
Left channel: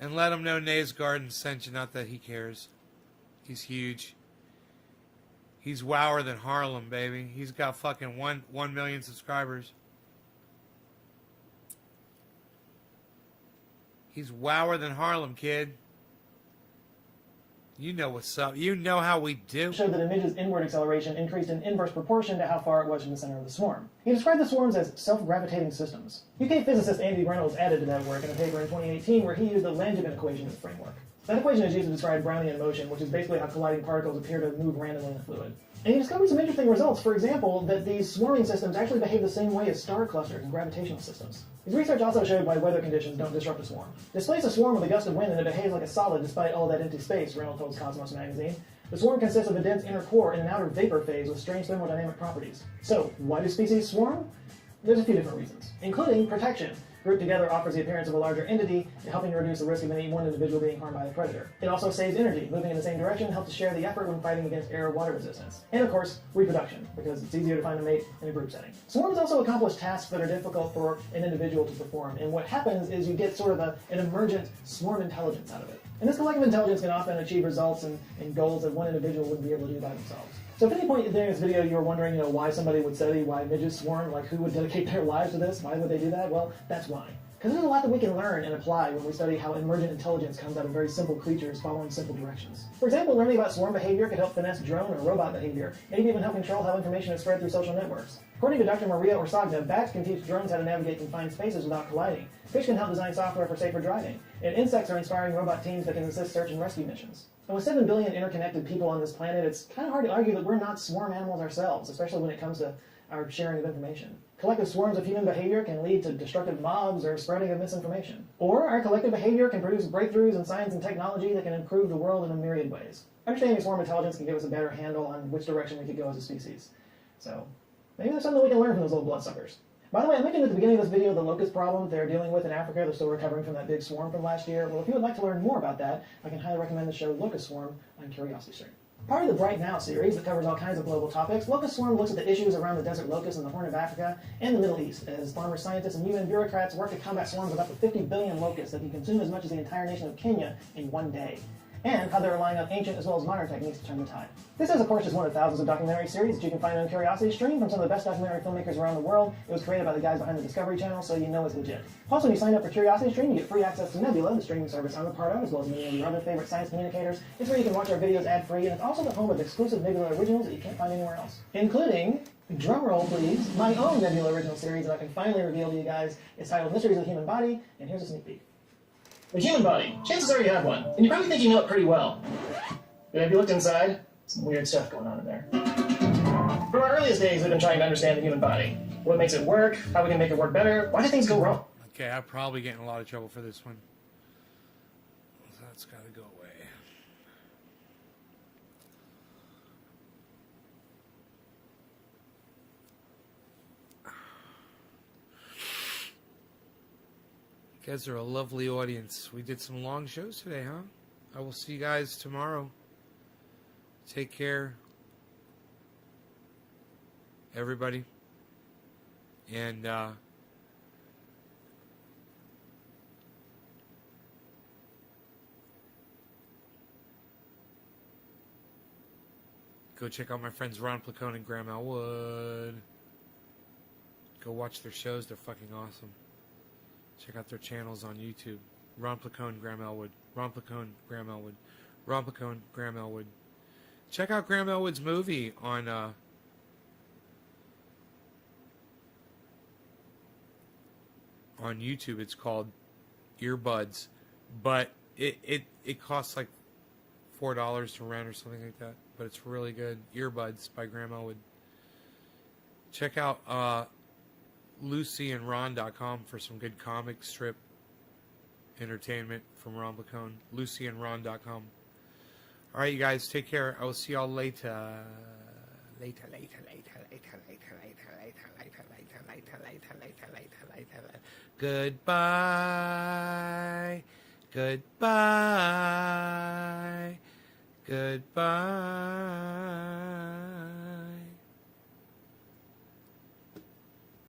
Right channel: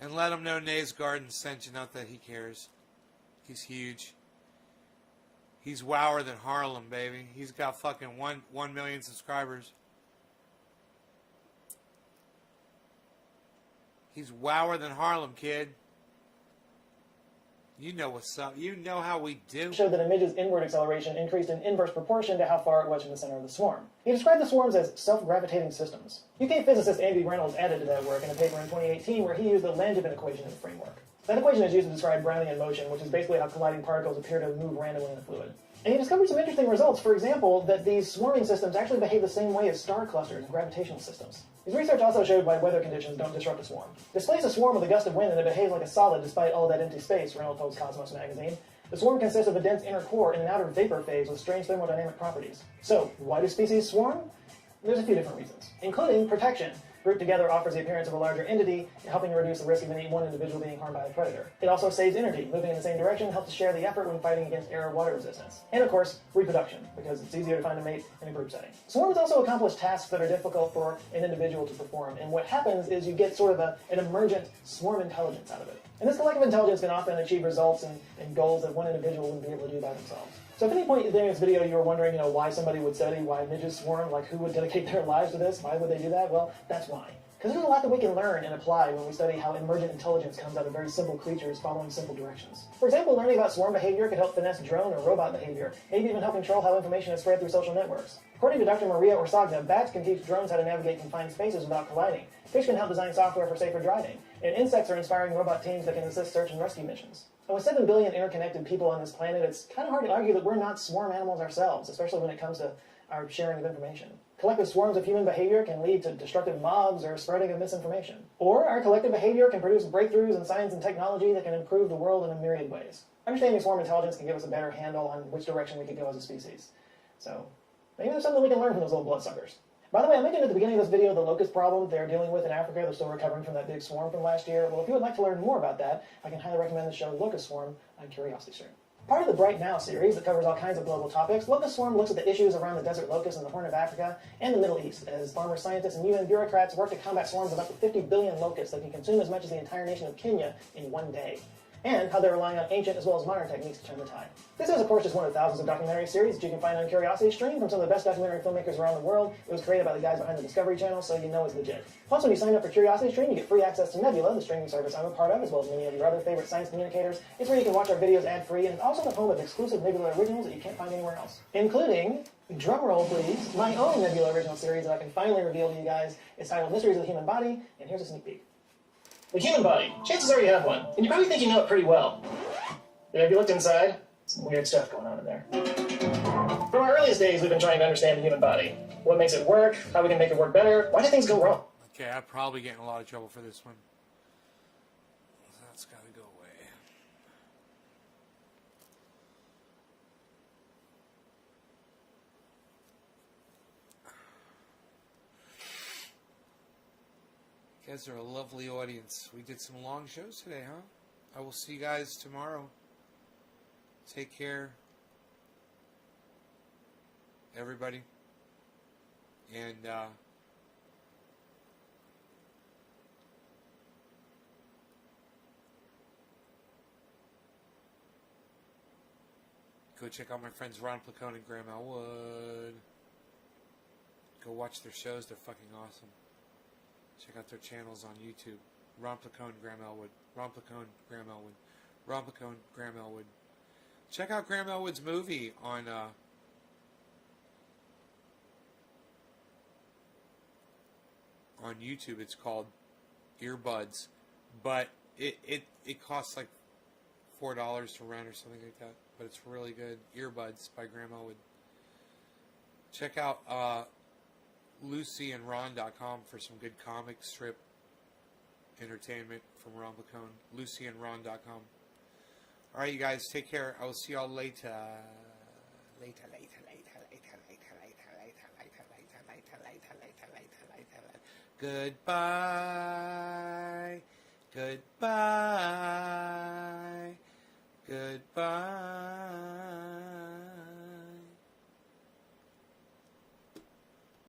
and let him know Nays Garden sent you. Not that he cares. He's huge. He's wower than Harlem, baby. He's got fucking 1 million subscribers. He's wower than Harlem, kid. You know what's up. You know how we do. Showed that a midge's inward acceleration increased in inverse proportion to how far it was from the center of the swarm. He described the swarms as self-gravitating systems. UK physicist Andy Reynolds added to that work in a paper in 2018 where he used the Langevin equation as a framework. That equation is used to describe Brownian motion, which is basically how colliding particles appear to move randomly in a fluid. And he discovered some interesting results. For example, that these swarming systems actually behave the same way as star clusters and gravitational systems. His research also showed why weather conditions don't disrupt a swarm. Displace a swarm with a gust of wind and it behaves like a solid despite all that empty space, Reynolds told Cosmos magazine. The swarm consists of a dense inner core and an outer vapor phase with strange thermodynamic properties. So, why do species swarm? There's a few different reasons, including protection. Grouped together offers the appearance of a larger entity, helping to reduce the risk of any one individual being harmed by a predator. It also saves energy. Moving in the same direction helps to share the effort when fighting against air or water resistance. And of course, reproduction, because it's easier to find a mate in a group setting. Swarms also accomplish tasks that are difficult for an individual to perform, and what happens is you get sort of an emergent swarm intelligence out of it. And this collective intelligence can often achieve results and goals that one individual wouldn't be able to do by themselves. So if at any point during this video you were wondering, why somebody would study why midges swarm, like who would dedicate their lives to this, why would they do that? Well, that's why. Because there's a lot that we can learn and apply when we study how emergent intelligence comes out of very simple creatures following simple directions. For example, learning about swarm behavior could help finesse drone or robot behavior, maybe even help control how information is spread through social networks. According to Dr. Maria Orsagna, bats can teach drones how to navigate confined spaces without colliding. Fish can help design software for safer driving. And insects are inspiring robot teams that can assist search and rescue missions. And with 7 billion interconnected people on this planet, it's kind of hard to argue that we're not swarm animals ourselves, especially when it comes to our sharing of information. Collective swarms of human behavior can lead to destructive mobs or spreading of misinformation. Or our collective behavior can produce breakthroughs in science and technology that can improve the world in a myriad ways. Understanding swarm intelligence can give us a better handle on which direction we could go as a species. So, maybe there's something we can learn from those little bloodsuckers. By the way, I mentioned at the beginning of this video the locust problem they're dealing with in Africa. They're still recovering from that big swarm from last year. Well, if you would like to learn more about that, I can highly recommend the show Locust Swarm on CuriosityStream. Part of the Bright Now series that covers all kinds of global topics, Locust Swarm looks at the issues around the desert locust in the Horn of Africa and the Middle East, as farmers, scientists, and UN bureaucrats work to combat swarms of up to 50 billion locusts that can consume as much as the entire nation of Kenya in one day, and how they're relying on ancient as well as modern techniques to turn the tide. This is, of course, just one of thousands of documentary series that you can find on CuriosityStream from some of the best documentary filmmakers around the world. It was created by the guys behind the Discovery Channel, so you know it's legit. Plus, when you sign up for CuriosityStream, you get free access to Nebula, the streaming service I'm a part of, as well as many of your other favorite science communicators. It's where you can watch our videos ad-free, and it's also the home of exclusive Nebula originals that you can't find anywhere else, including, drumroll please, my own Nebula original series that I can finally reveal to you guys. It's titled Mysteries of the Human Body, and here's a sneak peek. The human body. Chances are you have one, and you probably think you know it pretty well. But have you looked inside? Some weird stuff going on in there. From our earliest days, we've been trying to understand the human body. What makes it work, how we can make it work better, why do things go wrong? Okay, I'll probably get in a lot of trouble for this one. That's got to go away. You guys are a lovely audience. We did some long shows today, huh? I will see you guys tomorrow. Take care, everybody. And go check out my friends Ron Placone and Graham Elwood. Go watch their shows. They're fucking awesome. Check out their channels on YouTube. Ron Placone, Graham Elwood. Ron Placone, Graham Elwood. Ron Placone, Graham Elwood. Check out Graham Elwood's movie on YouTube. It's called Earbuds, but it costs like $4 to rent or something like that. But it's really good. Earbuds by Graham Elwood. Check out LucyandRon.com for some good comic strip entertainment from Ron Placone. LucyandRon.com. All right, you guys, take care. I will see y'all later. Goodbye. Goodbye. Goodbye.